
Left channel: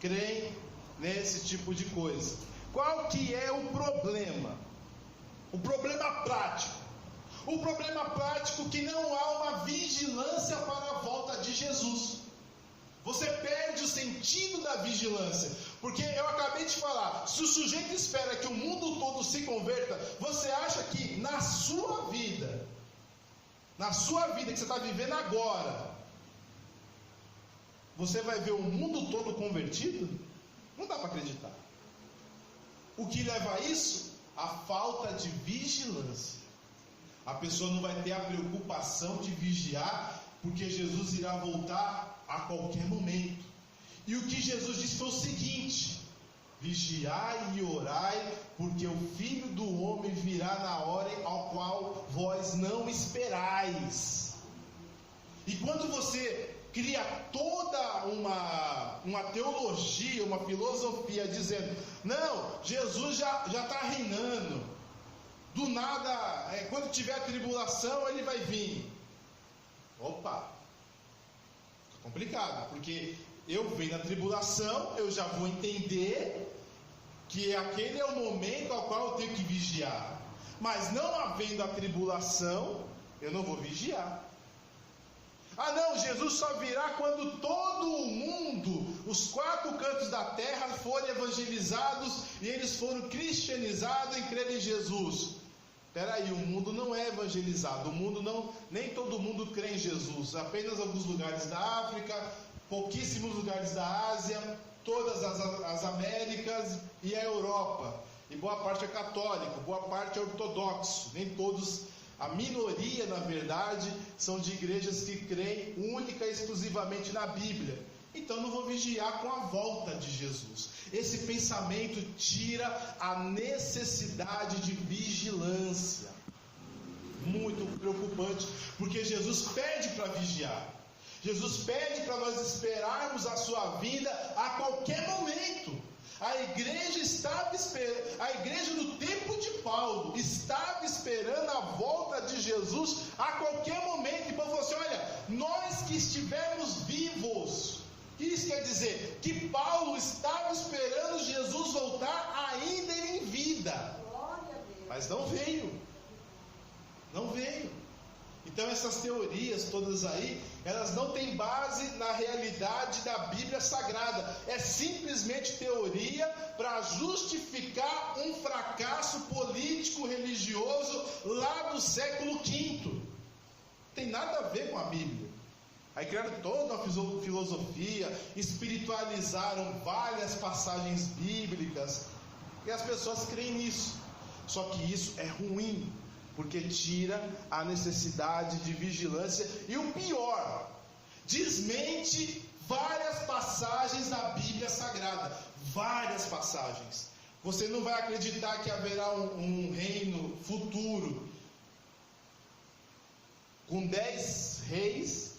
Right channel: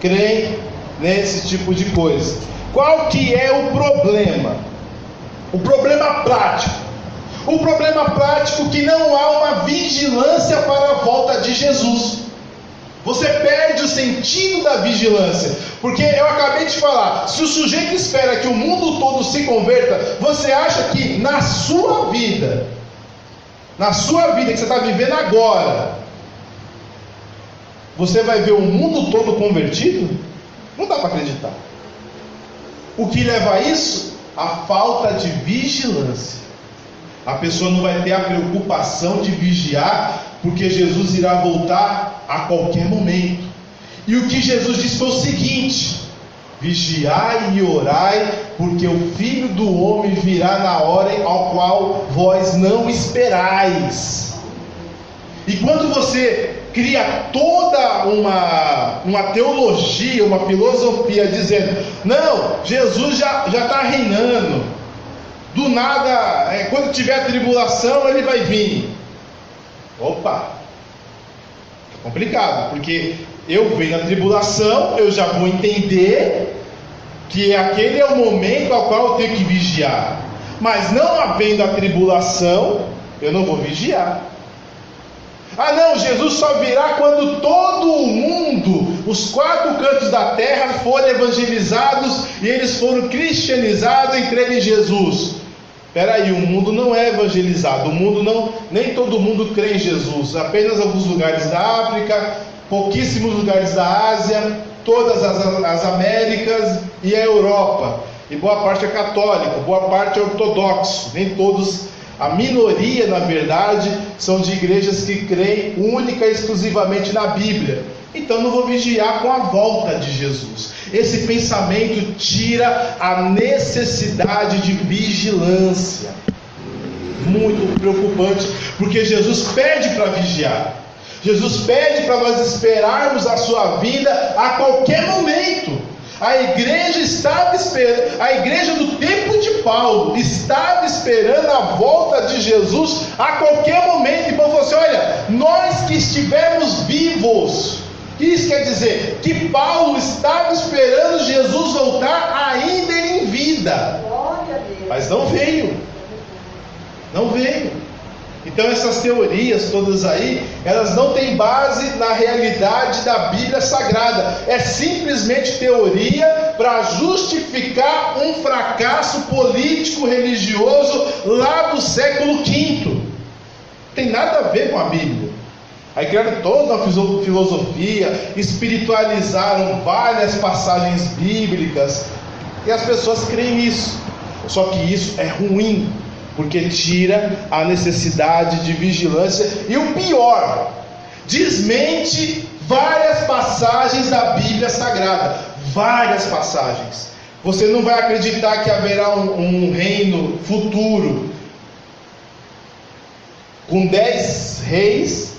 creem nesse tipo de coisa. Qual que é o problema? O problema prático. O problema prático é que não há uma vigilância para a volta de Jesus. Você perde o sentido da vigilância, porque eu acabei de falar, se o sujeito espera que o mundo todo se converta, você acha que na sua vida que você está vivendo agora, você vai ver o mundo todo convertido? Não dá para acreditar. O que leva a isso? A falta de vigilância. A pessoa não vai ter a preocupação de vigiar, porque Jesus irá voltar a qualquer momento. E o que Jesus disse foi o seguinte: vigiai e orai, porque o Filho do Homem virá na hora ao qual vós não esperais. E quando você cria toda uma teologia, uma filosofia dizendo, não, Jesus já está reinando, do nada, quando tiver tribulação ele vai vir. Opa, é complicado, porque eu venho na tribulação, eu já vou entender que aquele é o momento ao qual eu tenho que vigiar, mas não havendo a tribulação, eu não vou vigiar. Ah não, Jesus só virá quando todo o mundo, os 4 cantos da terra forem evangelizados e eles foram cristianizados em crer em Jesus. Espera aí, o mundo não é evangelizado, nem todo mundo crê em Jesus, apenas alguns lugares da África, pouquíssimos lugares da Ásia, todas as Américas e a Europa, e boa parte é católico, boa parte é ortodoxo, nem todos. A minoria, na verdade, são de igrejas que creem única e exclusivamente na Bíblia. Então não vou vigiar com a volta de Jesus. Esse pensamento tira a necessidade de vigilância. Muito preocupante, porque Jesus pede para vigiar. Jesus pede para nós esperarmos a sua vinda a qualquer momento. A igreja estava esperando, a igreja do tempo de Paulo estava esperando a volta de Jesus a qualquer momento. E Paulo falou assim: olha, nós que estivemos vivos, isso quer dizer que Paulo estava esperando Jesus voltar ainda em vida, mas não veio. Então essas teorias todas aí, elas não têm base na realidade da Bíblia Sagrada. É simplesmente teoria para justificar um fracasso político religioso lá do século V. Não tem nada a ver com a Bíblia. Aí criaram toda uma filosofia, espiritualizaram várias passagens bíblicas, e as pessoas creem nisso. Só que isso é ruim, porque tira a necessidade de vigilância. E o pior, desmente várias passagens da Bíblia Sagrada. Várias passagens. Você não vai acreditar que haverá um reino futuro com 10 reis,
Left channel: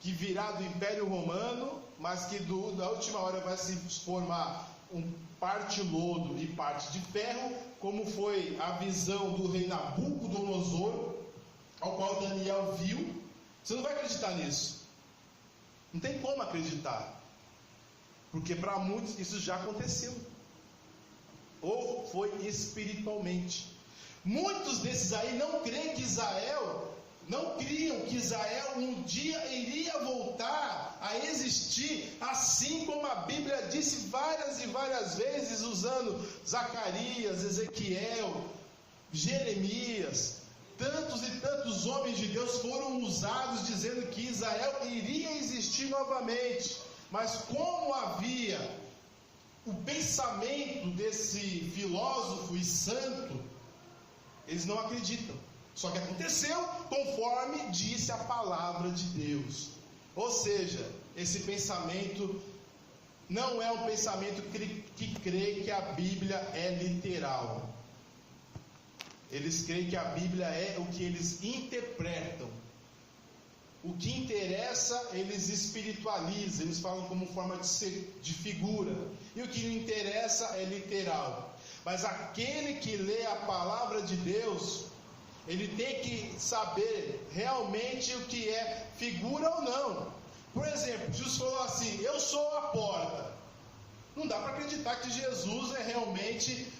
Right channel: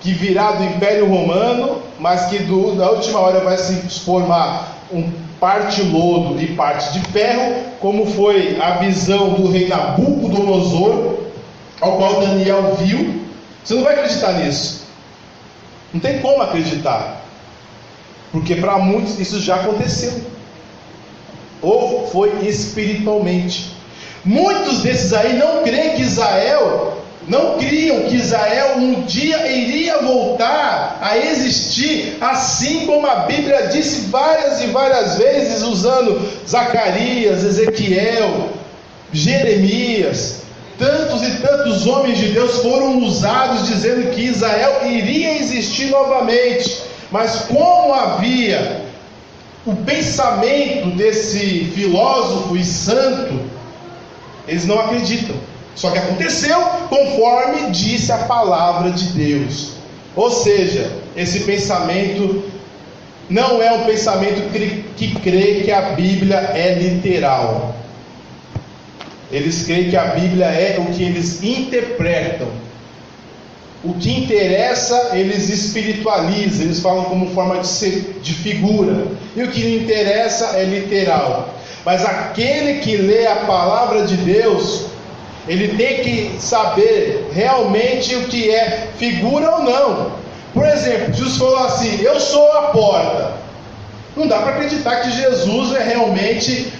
que virá do Império Romano, mas que na última hora vai se formar parte lodo e parte de ferro, como foi a visão do rei Nabucodonosor, ao qual Daniel viu. Você não vai acreditar nisso. Não tem como acreditar, porque para muitos isso já aconteceu, ou foi espiritualmente. Muitos desses aí não creem que não criam que Israel um dia iria voltar a existir, assim como a Bíblia disse várias e várias vezes, usando Zacarias, Ezequiel, Jeremias. Tantos e tantos homens de Deus foram usados dizendo que Israel iria existir novamente. Mas como havia o pensamento desse filósofo e santo, eles não acreditam. Só que aconteceu conforme disse a palavra de Deus. Ou seja, esse pensamento não é um pensamento que crê que a Bíblia é literal. Eles creem que a Bíblia é o que eles interpretam. O que interessa, eles espiritualizam, eles falam como forma de figura. E o que não interessa é literal. Mas aquele que lê a palavra de Deus, ele tem que saber realmente o que é figura ou não. Por exemplo, Jesus falou assim: eu sou a porta. Não dá para acreditar que Jesus é realmente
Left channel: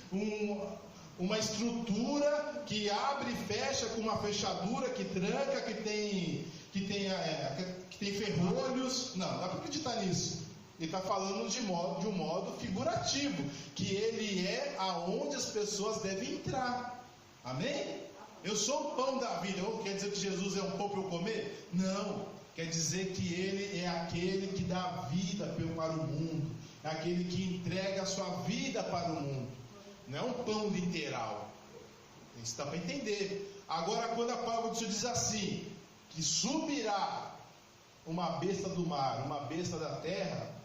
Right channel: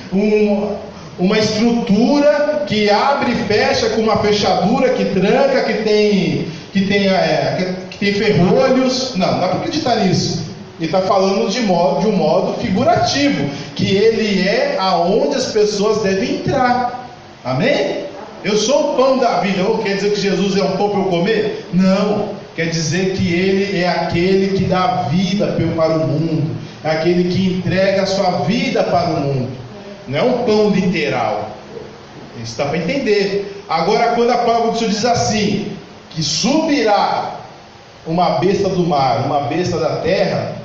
uma estrutura que abre e fecha com uma fechadura, que tranca, que tem ferrolhos. Não dá para acreditar nisso. Ele está falando de um modo figurativo, que ele é aonde as pessoas devem entrar. Amém? Eu sou o pão da vida. Quer dizer que Jesus é um pão para eu comer? Não. Quer dizer que ele é aquele que dá vida para o mundo, é aquele que entrega a sua vida para o mundo. Não é um pão literal. Isso dá para entender. Agora, quando a palavra do Senhor diz assim, que subirá uma besta do mar, uma besta da terra,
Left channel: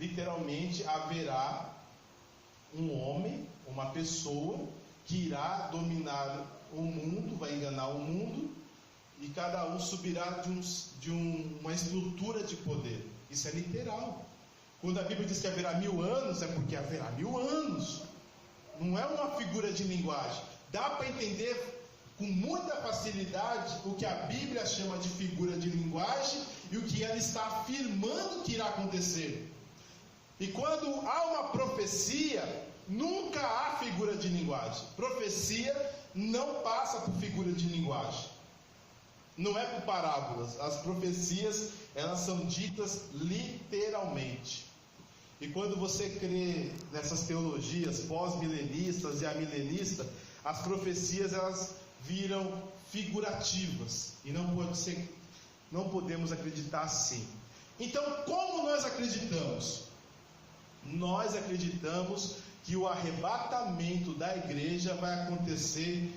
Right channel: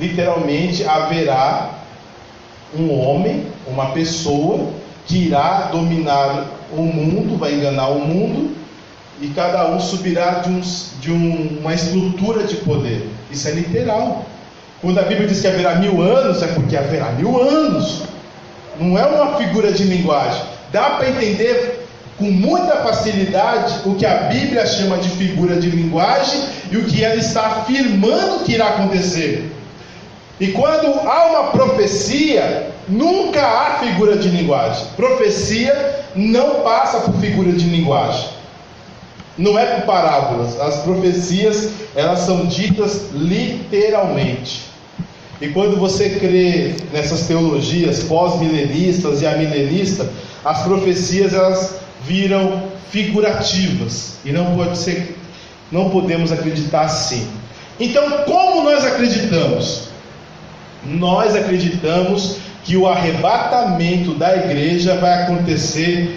literalmente haverá um homem, uma pessoa que irá dominar o mundo, vai enganar o mundo, e cada um subirá de uma estrutura de poder. Isso é literal. Quando a Bíblia diz que haverá 1000 anos, é porque haverá 1000 anos. Não é uma figura de linguagem. Dá para entender com muita facilidade o que a Bíblia chama de figura de linguagem e o que ela está afirmando que irá acontecer. E quando há uma profecia, nunca há figura de linguagem. Profecia não passa por figura de linguagem. Não é por parábolas. As profecias, elas são ditas literalmente. E quando você crê nessas teologias pós-milenistas e amilenistas, as profecias elas viram figurativas. E não podemos acreditar assim. Então, como nós acreditamos? Nós acreditamos que o arrebatamento da igreja vai acontecer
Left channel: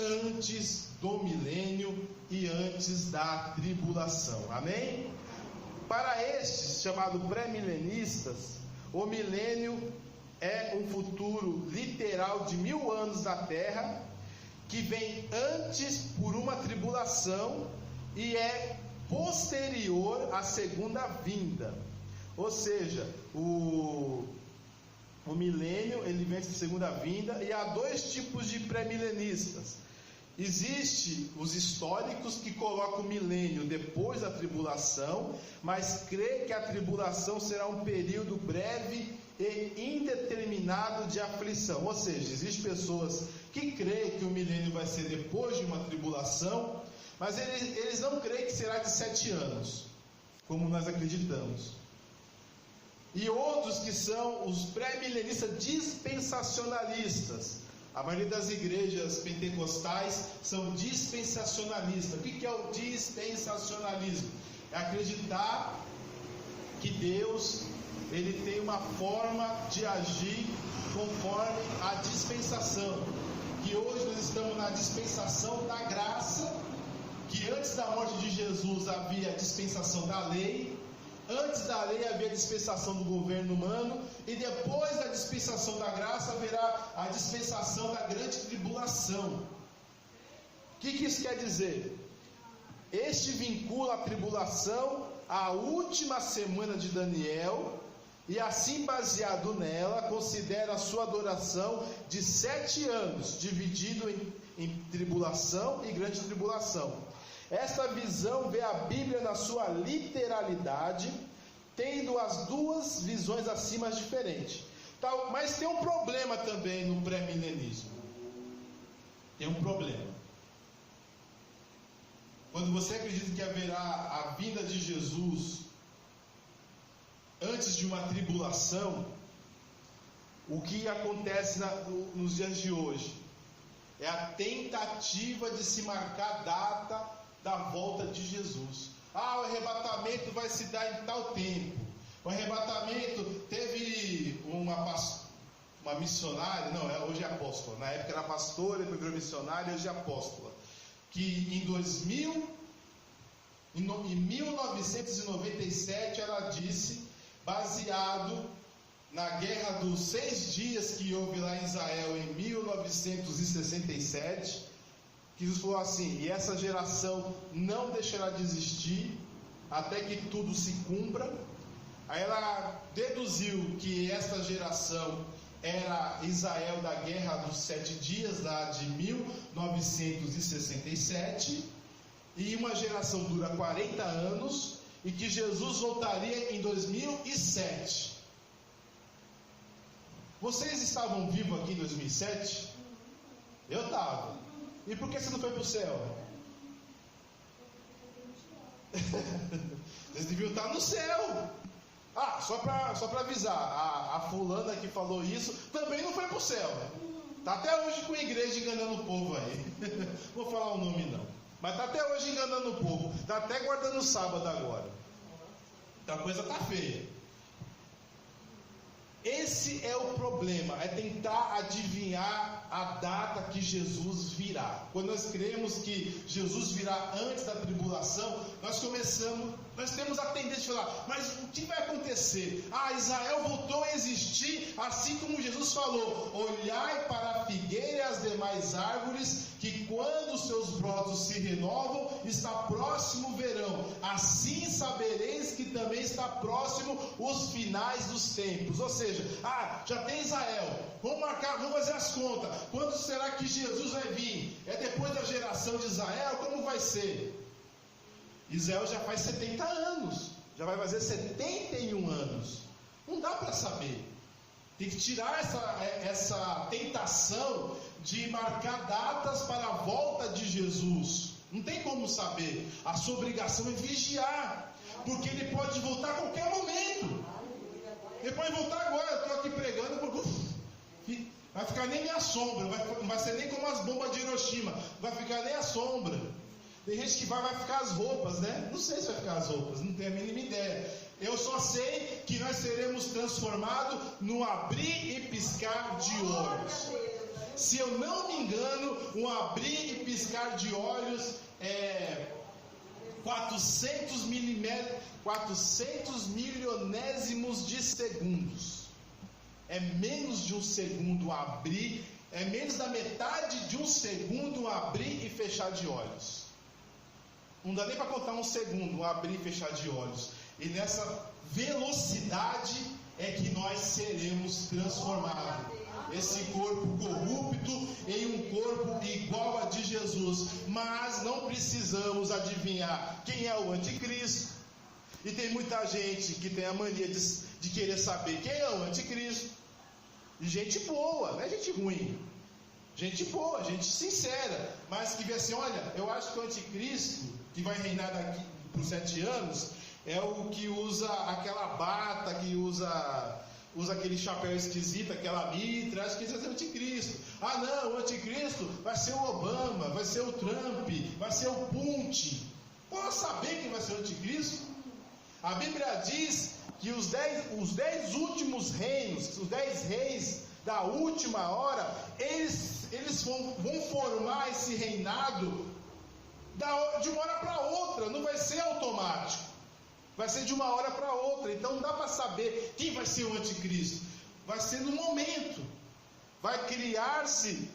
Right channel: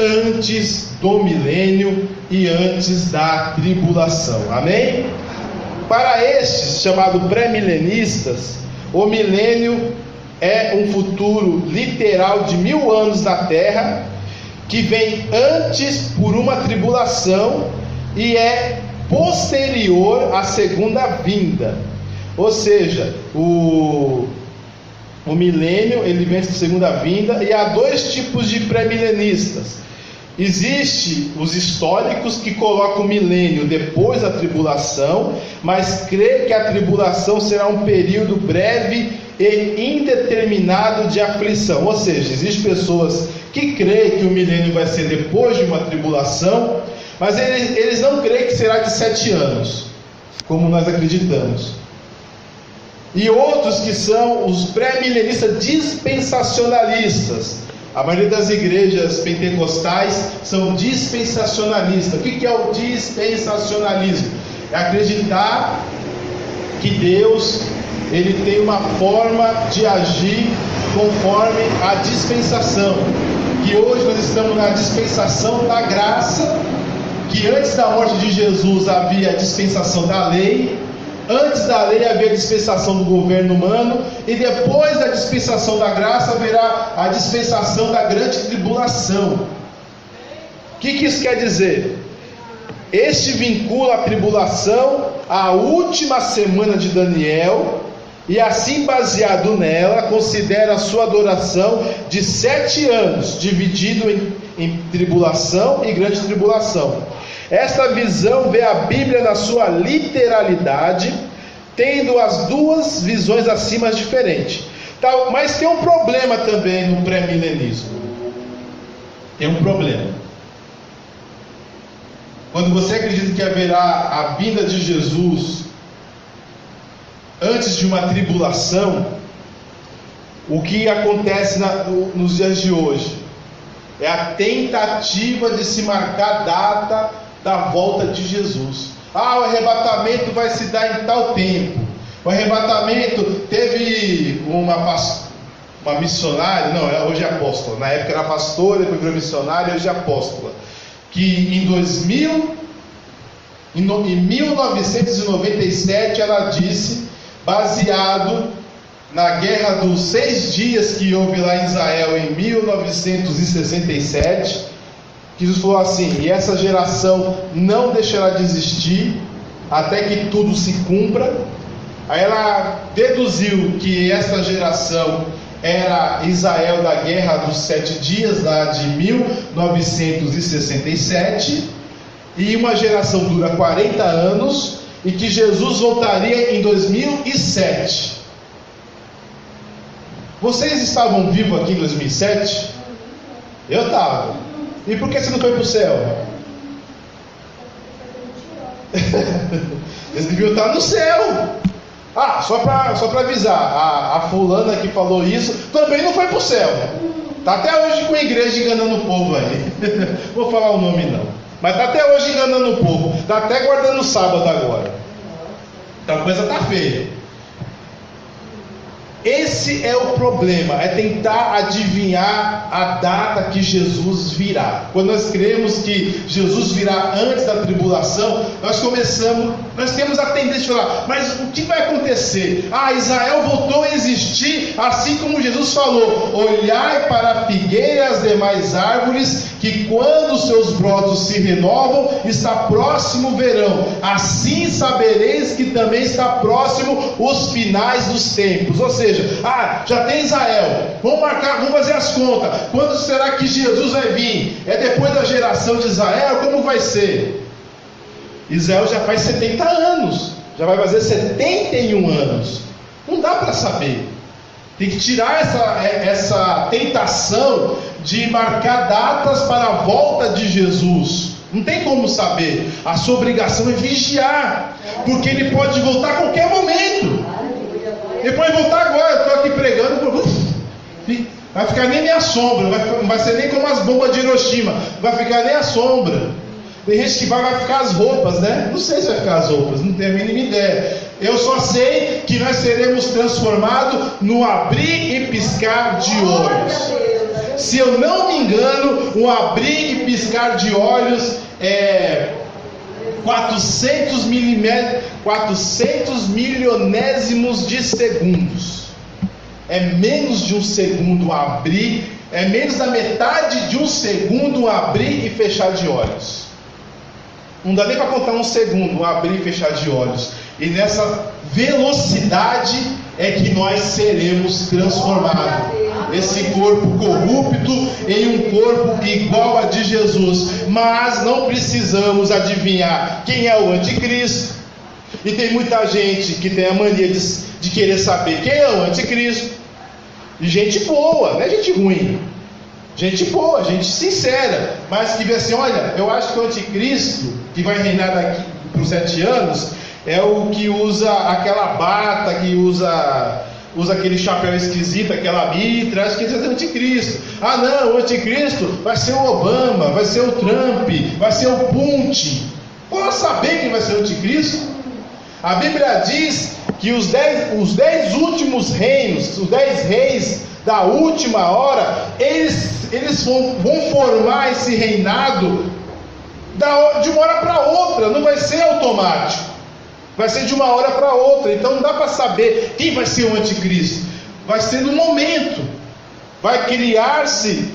antes do milênio e antes da tribulação. Amém? Para estes chamados pré-milenistas, o milênio é um futuro literal de 1000 anos na terra, que vem antes por uma tribulação e é posterior à segunda vinda. Ou seja, o milênio ele vem da segunda vinda, e há dois tipos de pré-milenistas. Existe os históricos que colocam o milênio depois da tribulação, mas crê que a tribulação será um período breve e indeterminado de aflição. Ou seja, existem pessoas que creem que o milênio vai ser depois de uma tribulação, mas eles não creem que será de 7 anos, como nós acreditamos. E outros que são os pré-milenistas dispensacionalistas. A maioria das igrejas pentecostais são dispensacionalistas. O que é o dispensacionalismo? É acreditar que Deus ele tem uma forma de agir conforme a dispensação. Que hoje nós estamos na dispensação da graça, que antes da morte de Jesus havia a dispensação da lei. Antes da lei havia a dispensação do governo humano, e depois da dispensação da graça haverá a dispensação da grande tribulação. O que isso quer dizer? Este vincula a tribulação à última semana de Daniel, e assim baseado nela, considera a sua duração de 7 anos, dividido em tribulação e grande tribulação. Esta visão vê a Bíblia na sua literalidade, tendo as duas visões acima diferentes. Mas tem um problema também no pré-milenismo. Tem um problema. Quando você acredita que haverá a vinda de Jesus antes de uma tribulação, o que acontece nos dias de hoje é a tentativa de se marcar a data da volta de Jesus. O arrebatamento vai se dar em tal tempo. O arrebatamento teve uma missionária, hoje é apóstola, na época era pastora, depois virou missionária, hoje é apóstola, que em 1997 ela disse, baseado na guerra dos 6 dias que houve lá em Israel em 1967, que Jesus falou assim: e essa geração não deixará de existir até que tudo se cumpra. Aí ela deduziu que essa geração era Israel da Guerra dos 7 Dias, lá de 1967, e uma geração dura 40 anos, e que Jesus voltaria em 2007. Vocês estavam vivos aqui em 2007? Eu estava. E por que você não foi para o céu? Eles deviam estar no céu. Só para avisar, a fulana que falou isso também não foi para o céu. Está até hoje com a igreja enganando o povo aí. Vou falar o nome não. Mas está até hoje enganando o povo. Está até guardando o sábado agora. Então a coisa está feia. Esse é o problema, é tentar adivinhar a data que Jesus virá. Quando nós cremos que Jesus virá antes da tribulação, nós temos a tendência de falar, mas o que vai acontecer? Israel voltou a existir, assim como Jesus falou: olhai para a figueira e as demais árvores, que quando seus brotos se renovam, está próximo o verão. Assim sabereis que também está próximo os finais dos tempos. Ou seja, já tem Israel, vamos fazer as contas. Quando será que Jesus vai vir? É depois da geração de Israel? Como vai ser? Israel já faz 70 anos, já vai fazer 71 anos. Não dá para saber. Tem que tirar essa tentação de marcar datas para a volta de Jesus. Não tem como saber. A sua obrigação é vigiar, porque ele pode voltar a qualquer momento. Ele pode voltar agora. Eu estou aqui pregando, vai ficar nem minha sombra, não vai ser nem como as bombas de Hiroshima, não vai ficar nem a sombra. Tem gente que vai ficar as roupas, né? Não sei se vai ficar as roupas, não tenho a mínima ideia. Eu só sei que nós seremos transformados no abrir e piscar de olhos. Se eu não me engano, o abrir e piscar de olhos é 400 milionésimos de segundos. É menos de um segundo abrir, é menos da metade de um segundo abrir e fechar de olhos. Não dá nem para contar um segundo, abrir e fechar de olhos. E nessa velocidade é que nós seremos transformados. Esse corpo corrupto em um corpo igual a de Jesus. Mas não precisamos adivinhar quem é o anticristo. E tem muita gente que tem a mania de querer saber quem é o anticristo. E gente boa, não é gente ruim. Gente boa, gente sincera, mas que vê assim: olha, eu acho que o anticristo que vai reinar daqui por 7 anos é o que usa aquela bata, que usa aquele chapéu esquisito, aquela mitra. Acho que esse é o anticristo. Não, o anticristo vai ser o Obama, vai ser o Trump, vai ser o Putin. Posso saber quem vai ser o anticristo? A Bíblia diz que os 10 últimos reinos, os 10 reis da última hora, eles vão formar esse reinado de uma hora para outra. Não vai ser automático, vai ser de uma hora para outra. Então não dá para saber quem vai ser o anticristo. Vai ser no momento. Vai criar-se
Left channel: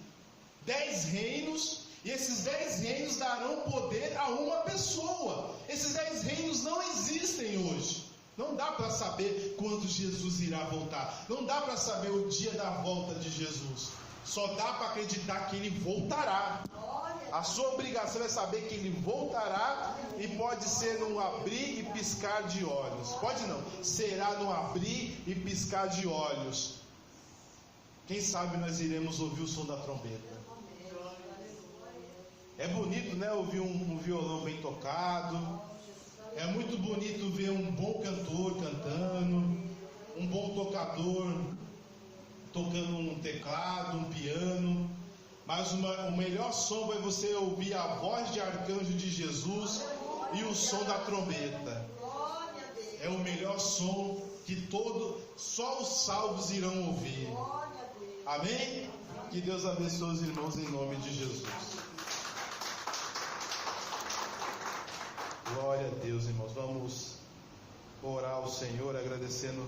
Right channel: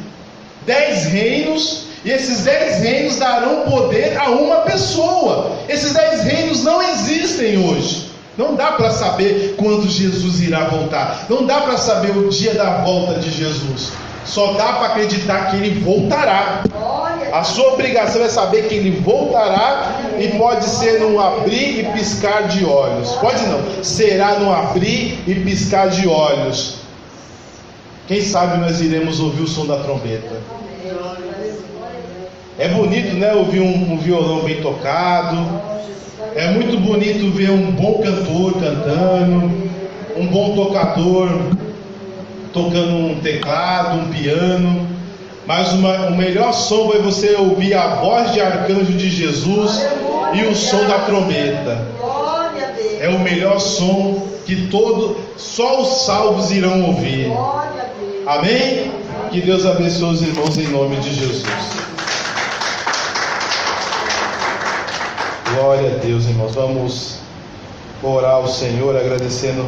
10 reinos, e esses 10 reinos darão poder a uma pessoa. Esses 10 reinos não existem hoje. Não dá para saber quando Jesus irá voltar. Não dá para saber o dia da volta de Jesus. Só dá para acreditar que ele voltará. A sua obrigação é saber que ele voltará, e pode ser num abrir e piscar de olhos. Pode não, será num abrir e piscar de olhos. Quem sabe nós iremos ouvir o som da trombeta. É bonito, né? Ouvir um violão bem tocado. É muito bonito ver um bom cantor cantando, um bom tocador tocando um teclado, um piano. Mas o melhor som é você ouvir a voz de arcanjo de Jesus e o som da trombeta. É o melhor som que só os salvos irão ouvir. Amém? Que Deus abençoe os irmãos em nome de Jesus. Glória a Deus, irmãos. Vamos orar ao Senhor agradecendo